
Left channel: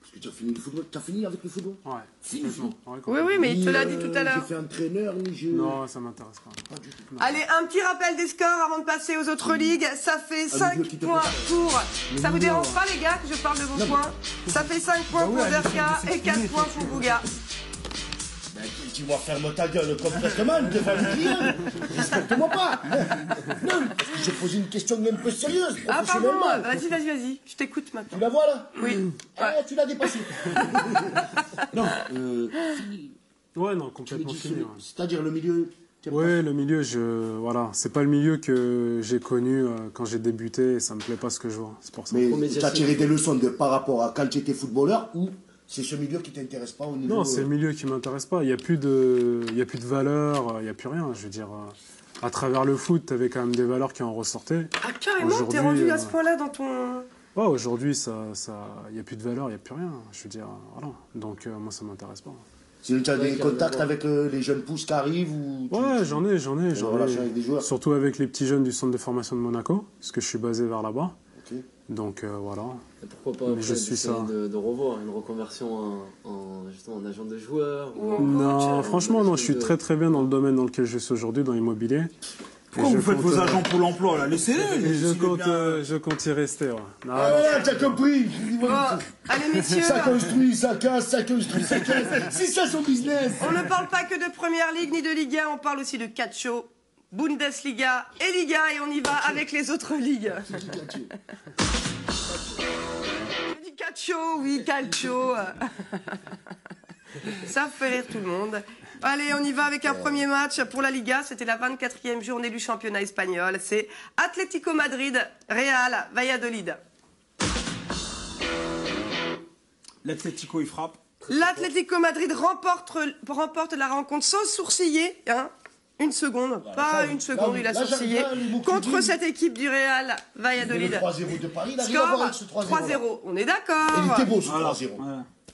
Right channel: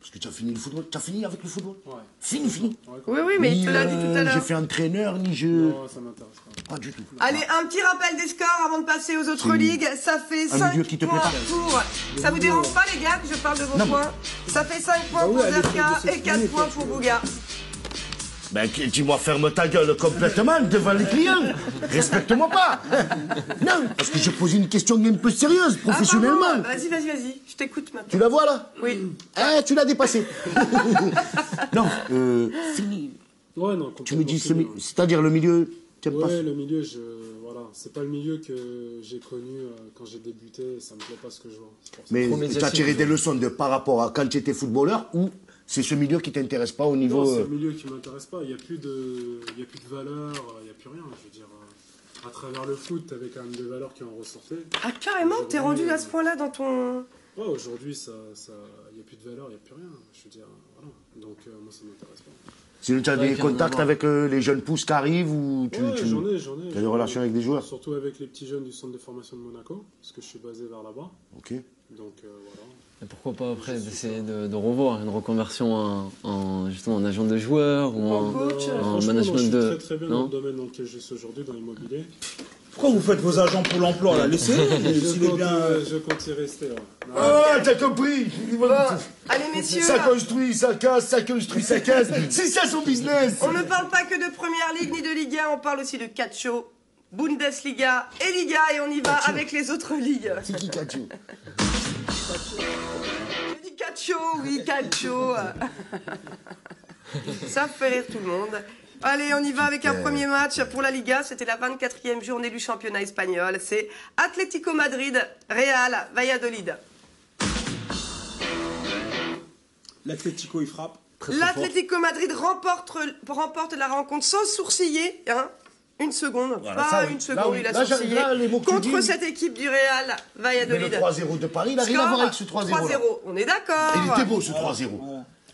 parce que tu as fini le football. Tu as fini avec le football? Ouais. Fini. Oui, mais il te l'a dit tout à l'heure. J'ai fait entraîneur, ni je... Non, ça m'intéresse pas. Pas du tout. Allez, un petit rappel des scores avant de passer aux autres ligues. Ça fait 5 points pour... Ça vous dérange pas, les gars, que je parle de vos points? Ça fait 5 points pour Derka et 4 points pour Bouga. Ben, dis-moi, ferme ta gueule complètement devant les clients. Respecte-moi pas. Non, parce que je pose une question un peu sérieuse, professionnellement. Ah, vas-y, je t'écoute maintenant. Tu la vois, là? Oui. Tu l'as dépassé. Non, fini. Ouais, non, tu me dis, c'est-à-dire le milieu... Ouais, le milieu, voilà, c'est pas le milieu que j'ai connu quand j'ai débuté et ça me plaît pas ce que je vois. C'est pour ça. Mais tu as tiré des leçons par rapport à quand tu étais footballeur ou... C'est ce milieu qui t'intéresse pas au niveau... Non, c'est le milieu qui m'intéresse pas. Il n'y a plus de valeur, il n'y a plus rien. Je veux dire, à travers le foot, tu avais quand même des valeurs qui en ressortaient. Ah, carrément, t'es rendu à ce point-là dans ton... Ouais, aujourd'hui, il n'y a plus de valeur, il n'y a plus rien. Je veux dire, voilà. Donc, moi, ça m'intéresse pas. Sinon, tu as des contacts avec les jeunes pousses qui arrivent ou Ouais, j'en ai. J'ai des relations avec des joueurs. Surtout avec les petits jeunes du centre de formation de Monaco, parce que je suis basé vers là-bas. Ok. Donc voilà. Et pourquoi pas après essayer de revoir une reconversion justement en agent de joueur ou en franchement, moi, je suis très bien dans le domaine dans lequel je suis aujourd'hui, dans l'immobilier. Pourquoi vous faites vos agents pour l'emploi là? Laissez-les. Je compte y rester. Ouais. Ah, t'as compris. Bon, allez messieurs. Ça construit, ça casse, ça construit, ça casse. C'est ça son business. On ne parle pas que de Première Ligue ni de Liga, on parle aussi de Calcio, Bundesliga et Liga et on y va avec les autres ligues. C'est qui Calcio? Je dis Calcio, oui, Calcio. Ça fait rire tout le monde. Allez, on y va avec un premier match pour la Liga. C'était la 24e journée du championnat espagnol. C'est Atlético Madrid, Real Valladolid. L'Atlético, il frappe. L'Atlético Madrid remporte la rencontre sans sourciller. Hein. Une seconde, voilà, pas une seconde, il a sourcillé. Contre cette équipe du Real Valladolid. Le 3-0 de Paris, il arrive à voir avec ce 3-0. 3-0, on est d'accord. Il était beau ce 3-0.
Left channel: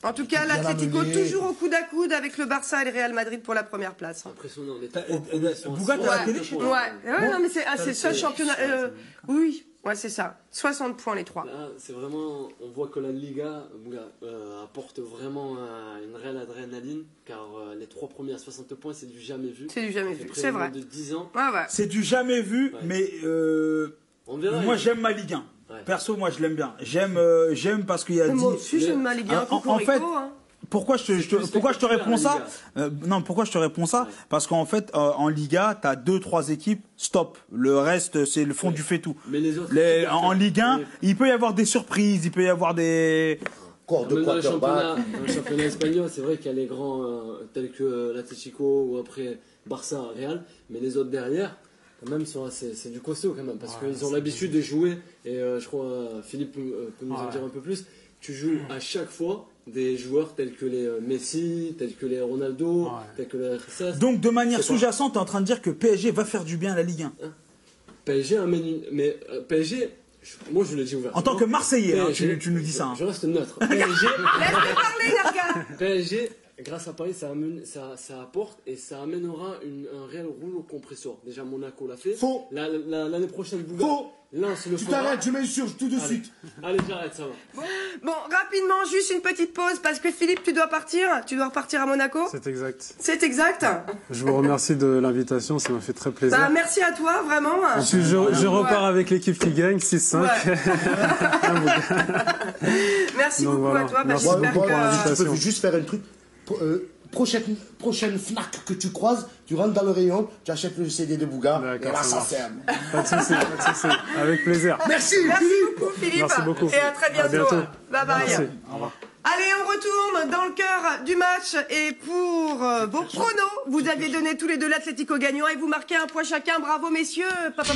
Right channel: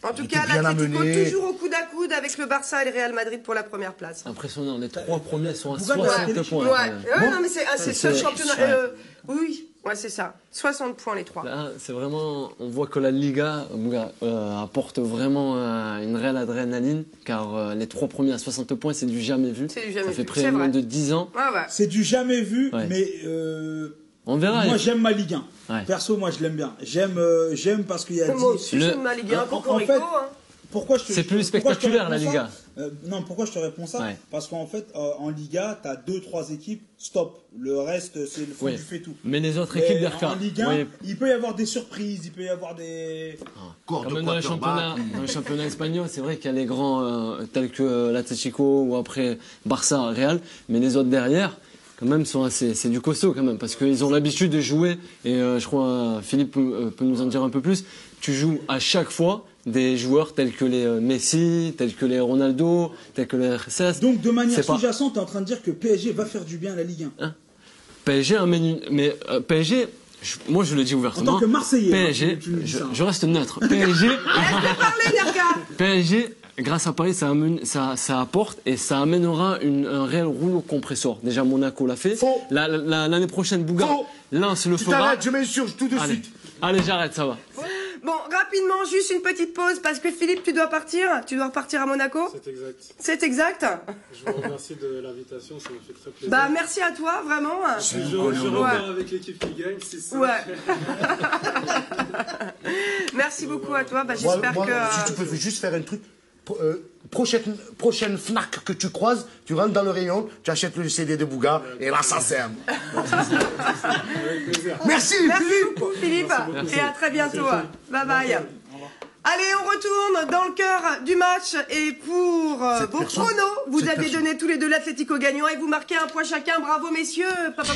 En tout cas, l'Atlético toujours au coude à coude avec le Barça et le Real Madrid pour la première place. Impressionnant, les 3 premiers sont à 60 points. Ouais, non, mais c'est le seul championnat. Oui, ouais, c'est ça. 60 points les 3. Là, c'est vraiment, on voit que la Liga apporte vraiment une réelle adrénaline, car les 3 premiers à 60 points, c'est du jamais vu. C'est du jamais vu. Ça fait près de 10 ans. Ouais. C'est du jamais vu, mais on verra. Moi, j'aime ma Ligue 1. Ouais. Perso, moi, je l'aime bien. J'aime parce qu'il y a... Moi aussi, j'aime ma Ligue 1. En fait, pourquoi je te réponds ça? Non, pourquoi je te réponds ça? Ouais. Parce qu'en fait, en Liga, tu as 2-3 équipes, stop. Le reste, c'est le fond du fait tout. Mais les autres équipes... En Ligue 1, il peut y avoir des surprises, il peut y avoir des... Dans le championnat espagnol, c'est vrai qu'il y a les grands tels que l'Atlético ou après Barça, Real, mais les autres derrière... quand même, c'est du costaud quand même, parce qu'ils ont l'habitude de jouer, et je crois Philippe peut nous en dire un peu plus, tu joues à chaque fois des joueurs tels que les Messi, tels que les Ronaldo, tels que les RCS. Donc de manière sous-jacente, tu es en train de dire que PSG va faire du bien à la Ligue 1. PSG amène... Mais PSG... moi je le dis ouvertement. En tant que Marseillais, PSG, je reste neutre. PSG... Laisse-le parler, Derka. PSG grâce à Paris, ça apporte et ça amènera un réel rouleau compresseur. Déjà, Monaco l'a fait. L'année prochaine, Bouga, Lens le fera. Tu t'arrêtes, tu m'insurges tout de suite. Allez, j'arrête, ça va. Bon, rapidement, juste une petite pause parce que Philippe, tu dois partir. Tu dois repartir à Monaco. C'est exact. C'est exact. Je vous remercie de l'invitation, ça m'a fait très plaisir. Bah, merci à toi, vraiment. Je repars avec l'équipe qui gagne, 6-5. Ouais. Merci beaucoup voilà. À toi. Bah, j'espère que... Je peux juste faire un truc. Prochaine Fnac que tu croises, tu rentres dans le rayon, tu achètes le CD de Bouga et là ça sert. Avec plaisir. Merci beaucoup Philippe. Merci beaucoup. Et à très bientôt. Bye bye. Allez, on retourne dans le cœur du match et pour vos pronos, vous aviez donné tous les deux l'Atlético gagnant et vous marquez un point chacun. Bravo messieurs. Papa.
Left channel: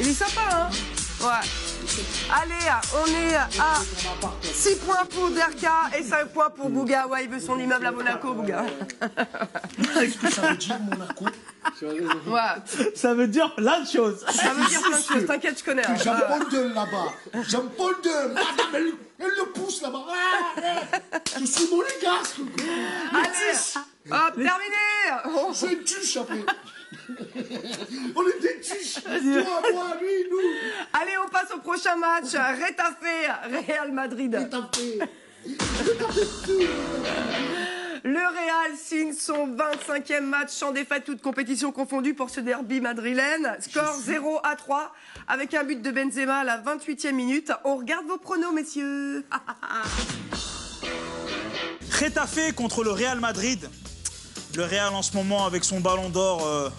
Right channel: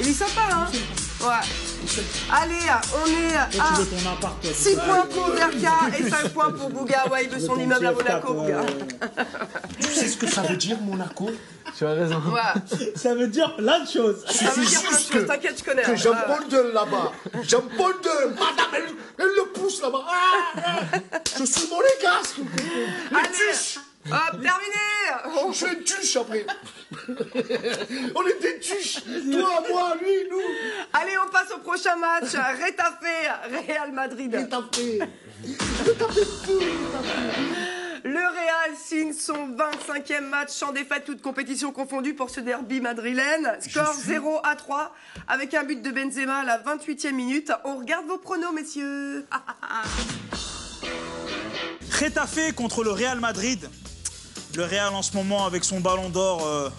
Il est sympa hein. Ouais. Allez, on est à 6 points pour Derka et 5 points pour Bouga. Ouais, il veut son immeuble à Monaco, Bouga. Tu sais ce que ça veut dire, Monaco? Tu as raison. Ouais. Ça veut dire plein de choses. Ça veut dire plein de choses, t'inquiète, je connais. Que Jean-Paul II là-bas. Jean-Paul II, madame, elle le pousse là-bas. Je suis monégasque. Allez, hop, terminé. Je suis une tuche après. On est des tuches. Toi, moi, lui, nous. Allez, on passe au prochain match. Rétafé, Real Madrid. Le Real signe son 25e match sans défaite, toute compétition confondue pour ce derby madrilène. Score 0-3 avec un but de Benzema à la 28e minute. On regarde vos pronos, messieurs. Rétafé contre le Real Madrid. Le Real en ce moment avec son ballon d'or,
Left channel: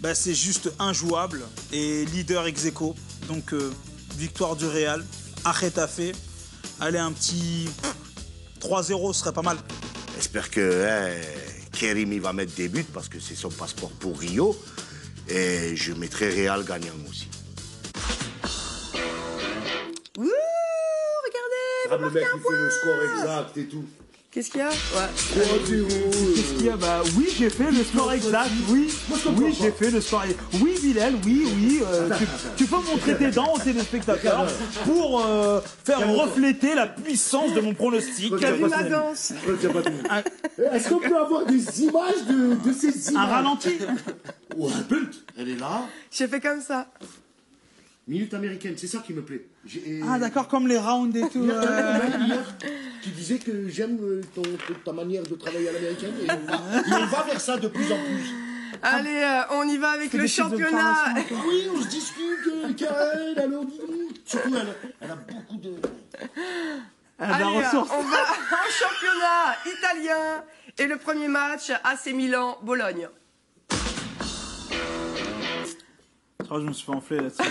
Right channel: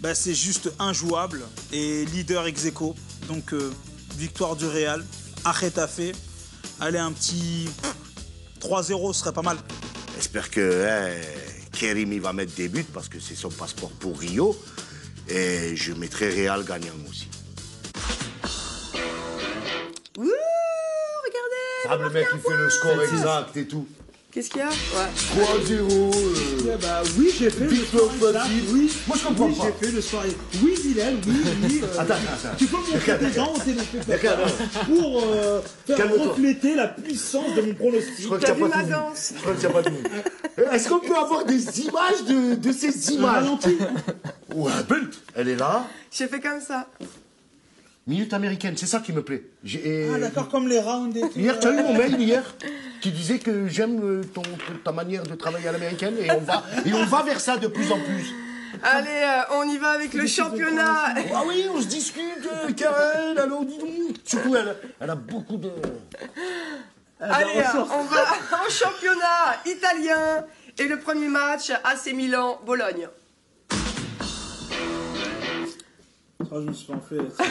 bah, c'est juste injouable et leader ex aequo. Donc victoire du Real à Rétafé. Allez, un petit 3-0 serait pas mal. J'espère que Kerim il va mettre des buts parce que c'est son passeport pour Rio. Et je mettrai Real gagnant aussi. Ouh, regardez, le mec il fait le score exact et tout. Qu'est-ce qu'il y a? Ouais. 3-0. Qu'est-ce qu'il y a? Bah oui, j'ai fait le score exact. Oui, moi je comprends. Oui, j'ai fait le score exact. Oui, Bilal, oui. Attends. Tu peux montrer tes dents aux téléspectateurs pour faire refléter la puissance de mon pronostic. T'as vu ma danse? Est-ce qu'on peut avoir des images de ces images? Un ralenti. Ou un but. Elle est là. J'ai fait comme ça. Minute américaine, c'est ça qui me plaît. Ah d'accord, comme les rounds et tout. Hier, tu as eu mon mail hier qui disait que j'aime ta manière de travailler à l'américaine et on va vers ça de plus en plus. Allez, on y va avec le championnat. Ah oui, on se discute, Karen, alors dis donc. Surtout, elle a beaucoup de... Allez, on va en championnat italien et le premier match, AC Milan-Bologne. Oh, je me suis pas enflé là-dessus.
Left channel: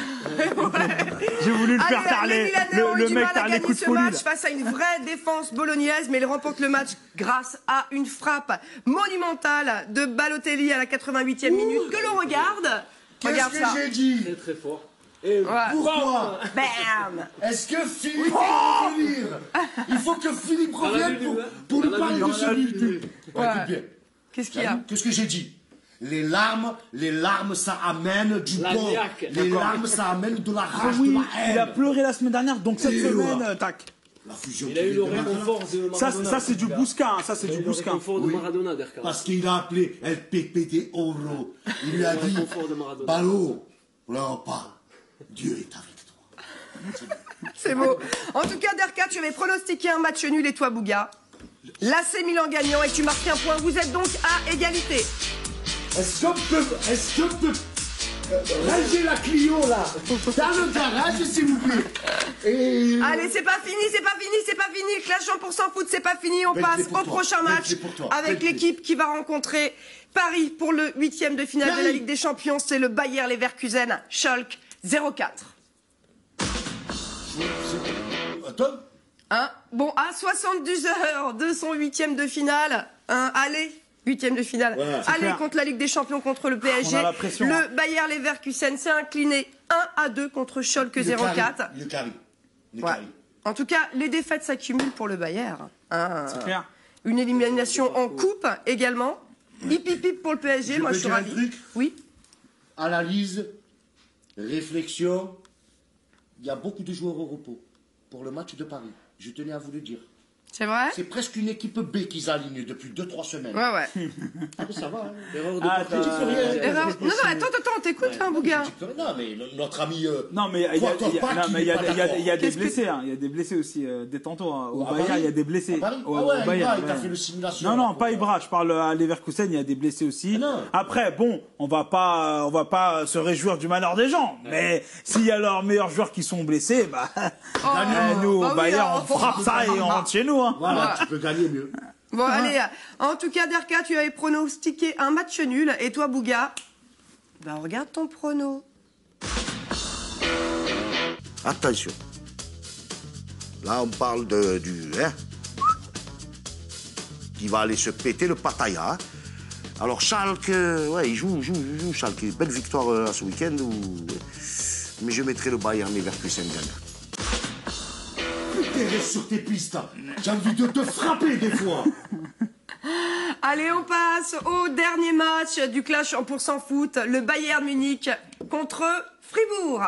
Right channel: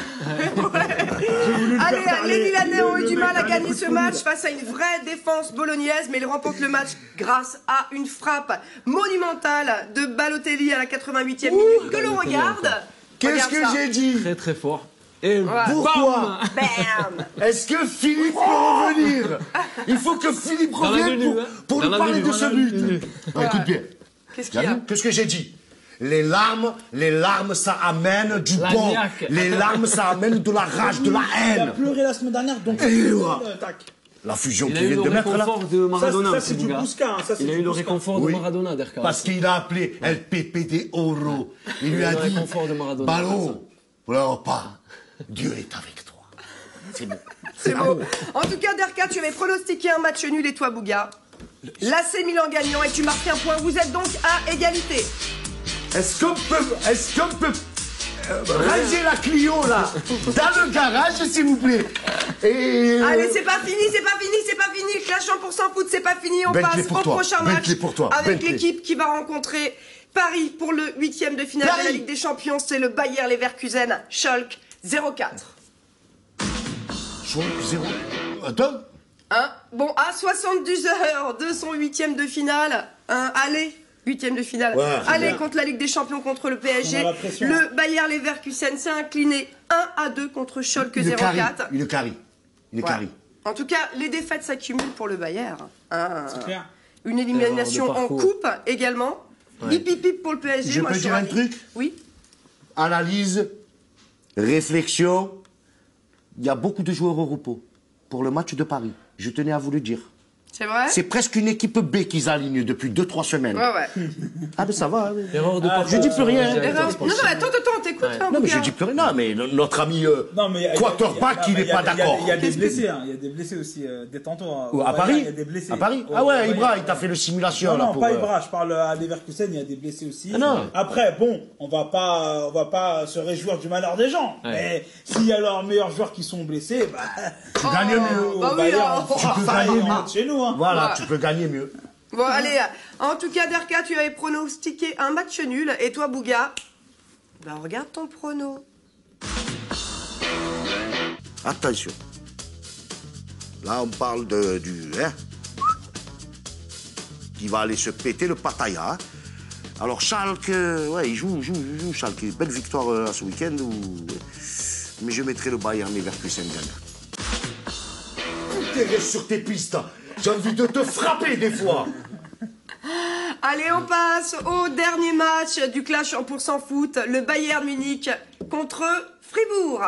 Allez, les Milanais ont eu du mal à gagner ce match face à une vraie défense bolognaise, mais ils remportent le match grâce à une frappe monumentale de Balotelli à la 88e minute. Que l'on regarde. Qu'est-ce que j'ai dit? Très très fort. Et pourquoi? Bam. Est-ce que Philippe va revenir? Il faut que Philippe revienne pour nous parler de ce but. Écoute bien. Qu'est-ce qu'il y a? Qu'est-ce que j'ai dit? Les larmes, ça amène du bon. Les larmes, ça amène de la rage, de la haine. Il a pleuré la semaine dernière, donc cette semaine, tac. La fusion qu'il vient de mettre là. Ça c'est du Bousca. Ça c'est du Bousca. De Maradona, Derka. Parce qu'il a appelé El Pepe de Oro. Il lui a dit, Ballot, pleure pas. Dieu est avec toi. C'est beau. C'est beau. En tout cas, Derka, tu avais pronostiqué un match nul et toi, Bouga. L'AC Milan gagnant et tu marques un point. Vous êtes donc à égalité. Est-ce qu'on peut ranger la Clio là dans le garage s'il vous plaît? Allez, c'est pas fini. Clash 100% foot, c'est pas fini. On passe au prochain match avec l'équipe qui va rencontrer Paris pour le 8e de finale de la Ligue des Champions. C'est le Bayer Leverkusen, Schalke 04. Attends. Bon, à 72 heures de son 8e de finale, allez. 8e de finale. Ouais, allez, contre la Ligue des Champions, contre le PSG. Le Bayer Leverkusen s'est incliné 1-2 contre Schalke 04. Il est carré. En tout cas, les défaites s'accumulent pour le Bayer. Une élimination en coupe également. Ouais. Hip hip hip pour le PSG. Moi, je suis ravi. Un truc. Oui. Analyse, réflexion. Il y a beaucoup de joueurs au repos pour le match de Paris. Je tenais à vous le dire. C'est vrai? C'est presque une équipe B qu'ils alignent depuis 2-3 semaines. Ouais. Ah, mais ça va. Hein. Erreur de Je dis plus rien. Non, attends, t'écoutes, non, mais Bouga. je dis plus rien. Non, mais notre ami Quarterback, il n'est pas d'accord. Il y a des blessés, il y a des blessés aussi, détends-toi. À Paris, il y a des blessés. À Paris? Ah ouais, Ibra, il t'a fait le simulation. Non, pas Ibra, je parle à Leverkusen, il y a des blessés aussi. Après, bon, on va pas se réjouir du malheur des gens. Mais s'il y a leurs meilleurs joueurs qui sont blessés, gagnons-nous. On rentre chez nous. Voilà, tu peux gagner mieux. Bon, allez, en tout cas, Derka, tu avais pronostiqué un match nul. Et toi, Bouga, regarde ton prono. Attention. Là, on parle du... qui va aller se péter le Pattaya. Alors, Schalke, il joue Schalke. Belle victoire ce week-end. Mais je mettrai le Bayern Leverkusen gagnant. Tu restes sur tes pistes. J'ai envie de te frapper des fois. Allez, on passe au dernier match du Clash en % foot. Le Bayern Munich contre Fribourg.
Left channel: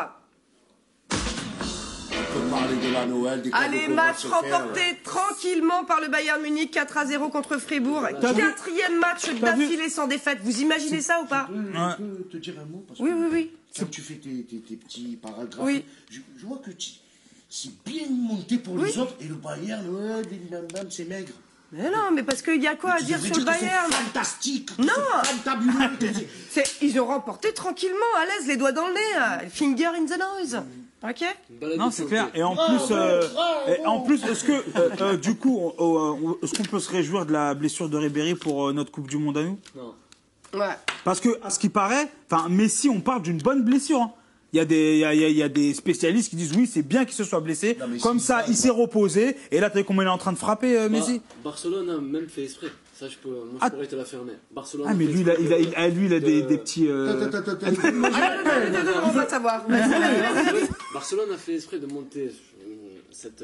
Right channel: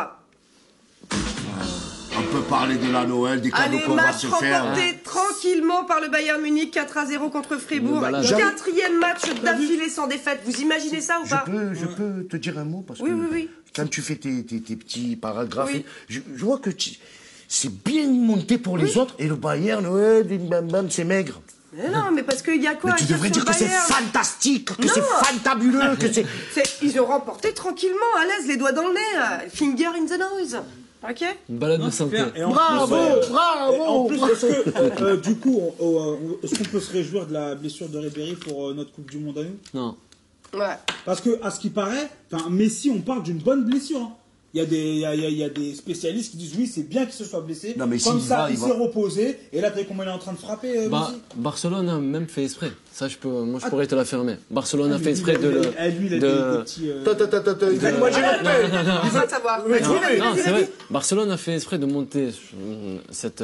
On peut parler de la Noël, des cadeaux qu'on va se faire. Allez, match remporté tranquillement par le Bayern Munich, 4-0 contre Fribourg. 4e match d'affilée sans défaite. Vous imaginez ça ou pas? Je peux te dire un mot parce que Oui. Quand tu fais tes petits paragraphes, je vois que c'est bien monté pour les autres et le Bayern, c'est maigre. Mais non, mais parce qu'il y a quoi à dire sur le Bayern? C'est fantastique, que c'est fantabuleux, que ils ont remporté tranquillement, à l'aise, les doigts dans le nez, finger in the nose. Ok? Une balade de santé. Et en plus, est-ce que, du coup, est-ce qu'on peut se réjouir de la blessure de Ribéry pour notre Coupe du Monde à nous? Non. Ouais. Parce que, à ce qui paraît, Messi, on parle d'une bonne blessure. Il y a des spécialistes qui disent oui, c'est bien qu'il se soit blessé. Non, comme ça, il s'est reposé. Et là, tu sais comment il est en train de frapper, Messi? Barcelone a même fait exprès. Ça, je pourrais te l'affirmer. Barcelone a fait exprès de. Lui, il a des petits. On va savoir. Barcelone a fait exprès de monter cette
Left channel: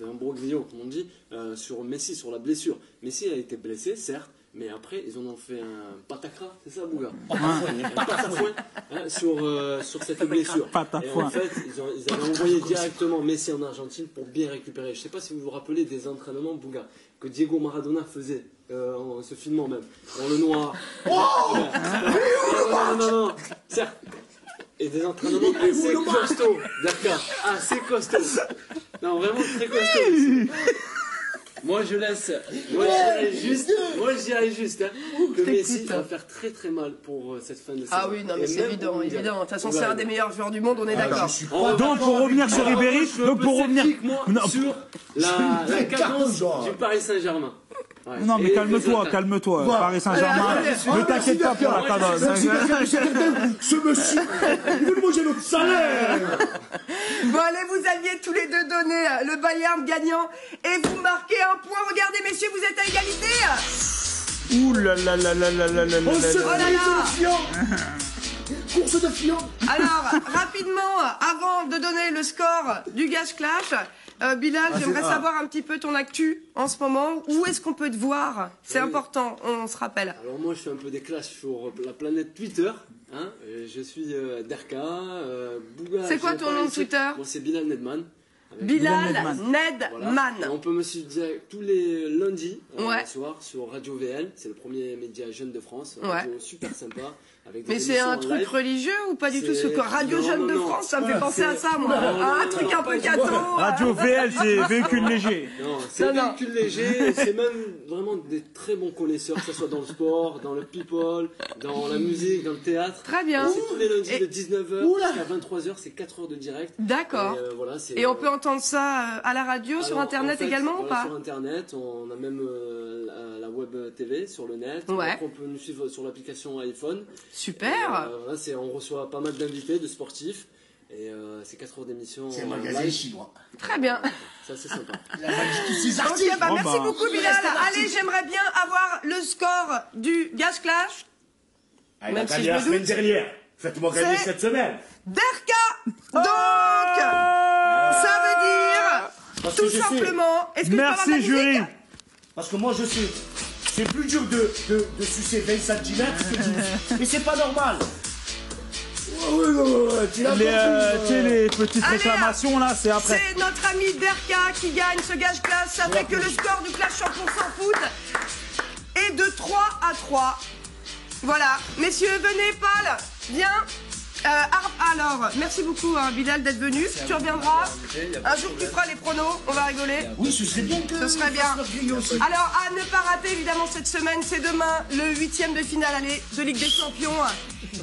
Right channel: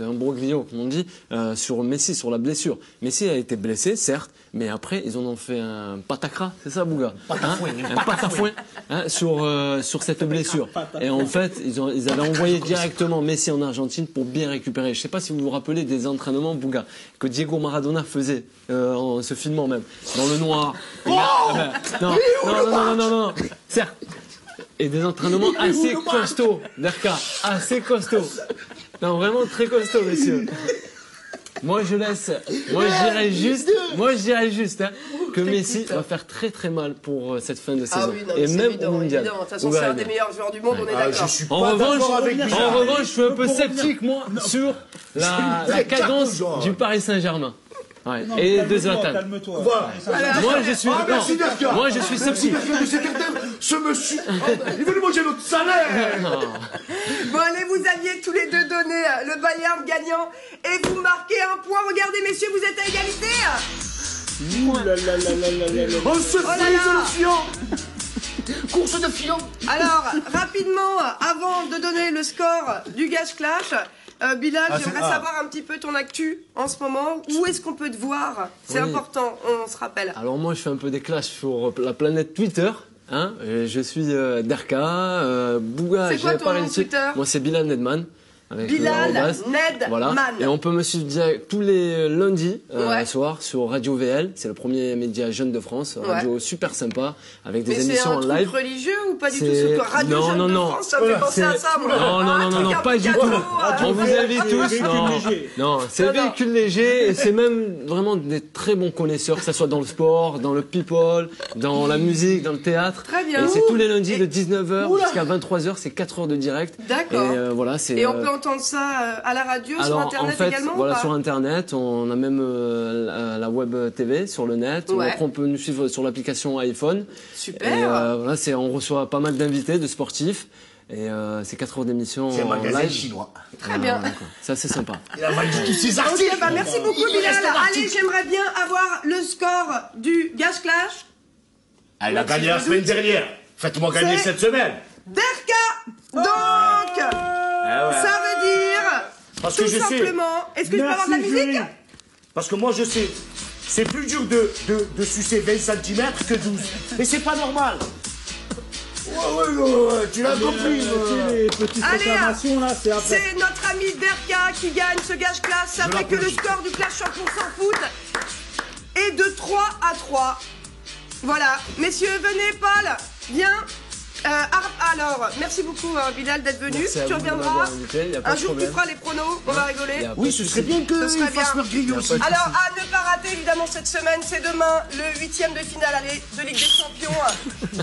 imbroglio, comme on dit, sur Messi, sur la blessure. Messi a été blessé, certes. Mais après, ils en ont fait un patacra, c'est ça, Bouga? Un patafouin sur cette blessure. Et en fait, ils avaient envoyé directement Messi en Argentine pour bien récupérer. Je ne sais pas si vous vous rappelez des entraînements, Bouga, que Diego Maradona faisait, en se filmant même, dans le noir. Non. Certes. Et des entraînements assez costauds, d'accord, assez costauds. Non, vraiment très costauds, messieurs. Moi je dirais juste que Messi va faire très très mal pour cette fin de saison. Ah oui, non, mais c'est évident. De toute façon, c'est un des meilleurs joueurs du monde, on est d'accord. En revanche, je suis un peu sceptique, moi, sur la cadence du Paris Saint-Germain. Ouais. Non, et calme-toi. Paris Saint-Germain. Moi, je suis sceptique. Ce monsieur, il veut nous manger notre salaire. Bon, allez, vous aviez tous les deux donné le Bayern gagnant et vous marquez un point. Regardez, messieurs, vous êtes à égalité. Ouh là là là là là là là. On se frise le fion. Course de fion. Alors, rapidement, avant de donner le score du Gage Clash, Bilal, j'aimerais savoir un petit peu ton actu en ce moment. Où est-ce qu'on peut te voir? C'est important, on se rappelle. Alors moi, je fais un peu des clashs sur la planète Twitter. Je suis Derka, Bouga. C'est quoi ton nom Twitter? Moi, c'est Bilal Nedman. Bilal Nedman. Voilà. Et on peut me suivre tous les lundis soir sur Radio VL. C'est le premier média jeune de France. Radio super sympa avec des émissions en live. Mais c'est un truc religieux ou pas du tout? Ce que Radio Jeune de France, ça me fait penser à ça, moi. Un truc un peu gâteau. Radio VL, c'est véhicule léger. Non, c'est véhicule léger et c'est même vraiment des très bons connaisseurs, que ce soit dans le sport, dans le people, dans la musique, dans le théâtre. Très bien. Et c'est tous les lundis de 19h jusqu'à 23h. C'est 4 heures de direct. D'accord. Et on peut entendre ça à la radio, sur Internet également ou pas? Sur Internet, on a même la web TV sur le net. Après, on peut nous suivre sur l'application iPhone. Super. On reçoit pas mal d'invités, de sportifs. Et c'est 4 heures d'émission. C'est un magasin chinois. Très bien. Ça, c'est sympa. Il a mal dit tous ses articles. Ok, merci beaucoup, Bilal. Allez, j'aimerais bien avoir le score du Gage Clash. Elle a gagné la semaine dernière. Faites-moi gagner cette semaine. Derka. Donc, ça veut dire tout simplement. Est-ce que je peux avoir de la musique? Parce que moi je sais, c'est plus dur de sucer 20 cm que 12. Mais c'est pas normal. Tu l'as compris. Les petites réclamations là, c'est après. C'est notre ami Derka qui gagne ce gage classe. Ça fait que le score du clash 100% foot est de 3-3. Voilà. Messieurs, venez, Paul. Viens. Alors, merci beaucoup Bilal d'être venu. Tu reviendras. Un jour tu feras les pronos, on va rigoler. Oui, ce serait bien que ce serait bien. Aussi. Alors, à ne pas rater évidemment cette semaine, c'est demain le 8e de finale aller de Ligue des Champions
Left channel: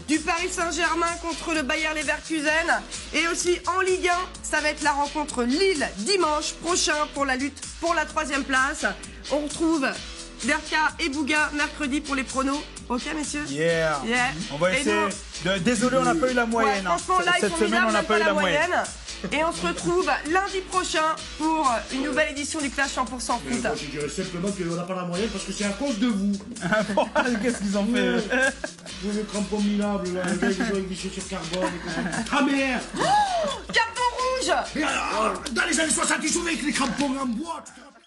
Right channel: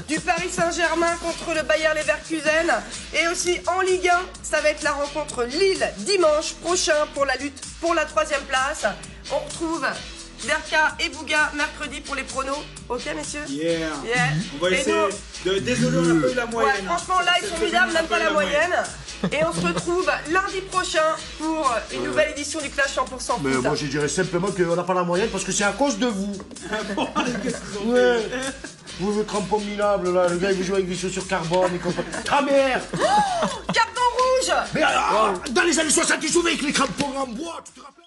du Paris Saint-Germain contre le Bayer Leverkusen. Et aussi en Ligue 1, ça va être la rencontre Lille dimanche prochain pour la lutte pour la 3e place. On retrouve Derka et Bouga mercredi pour les pronos. Ok, messieurs? Yeah. On va essayer Désolé, on n'a pas eu la moyenne. Ouais, franchement, là, ils sont minables, même pas la moyenne. Et on se retrouve lundi prochain pour une nouvelle édition du Clash 100% foot. Mais moi, je dirais simplement qu'on n'a pas la moyenne parce que c'est à cause de vous. Qu'est-ce qu'ils ont fait? Vous, le crampon minable, là, le gars, il vous joue avec des chaussures carbone et compagnie. Ah merde! Carton rouge! Mais dans les années 60, ils jouaient avec les crampons en bois, tu te rappelles?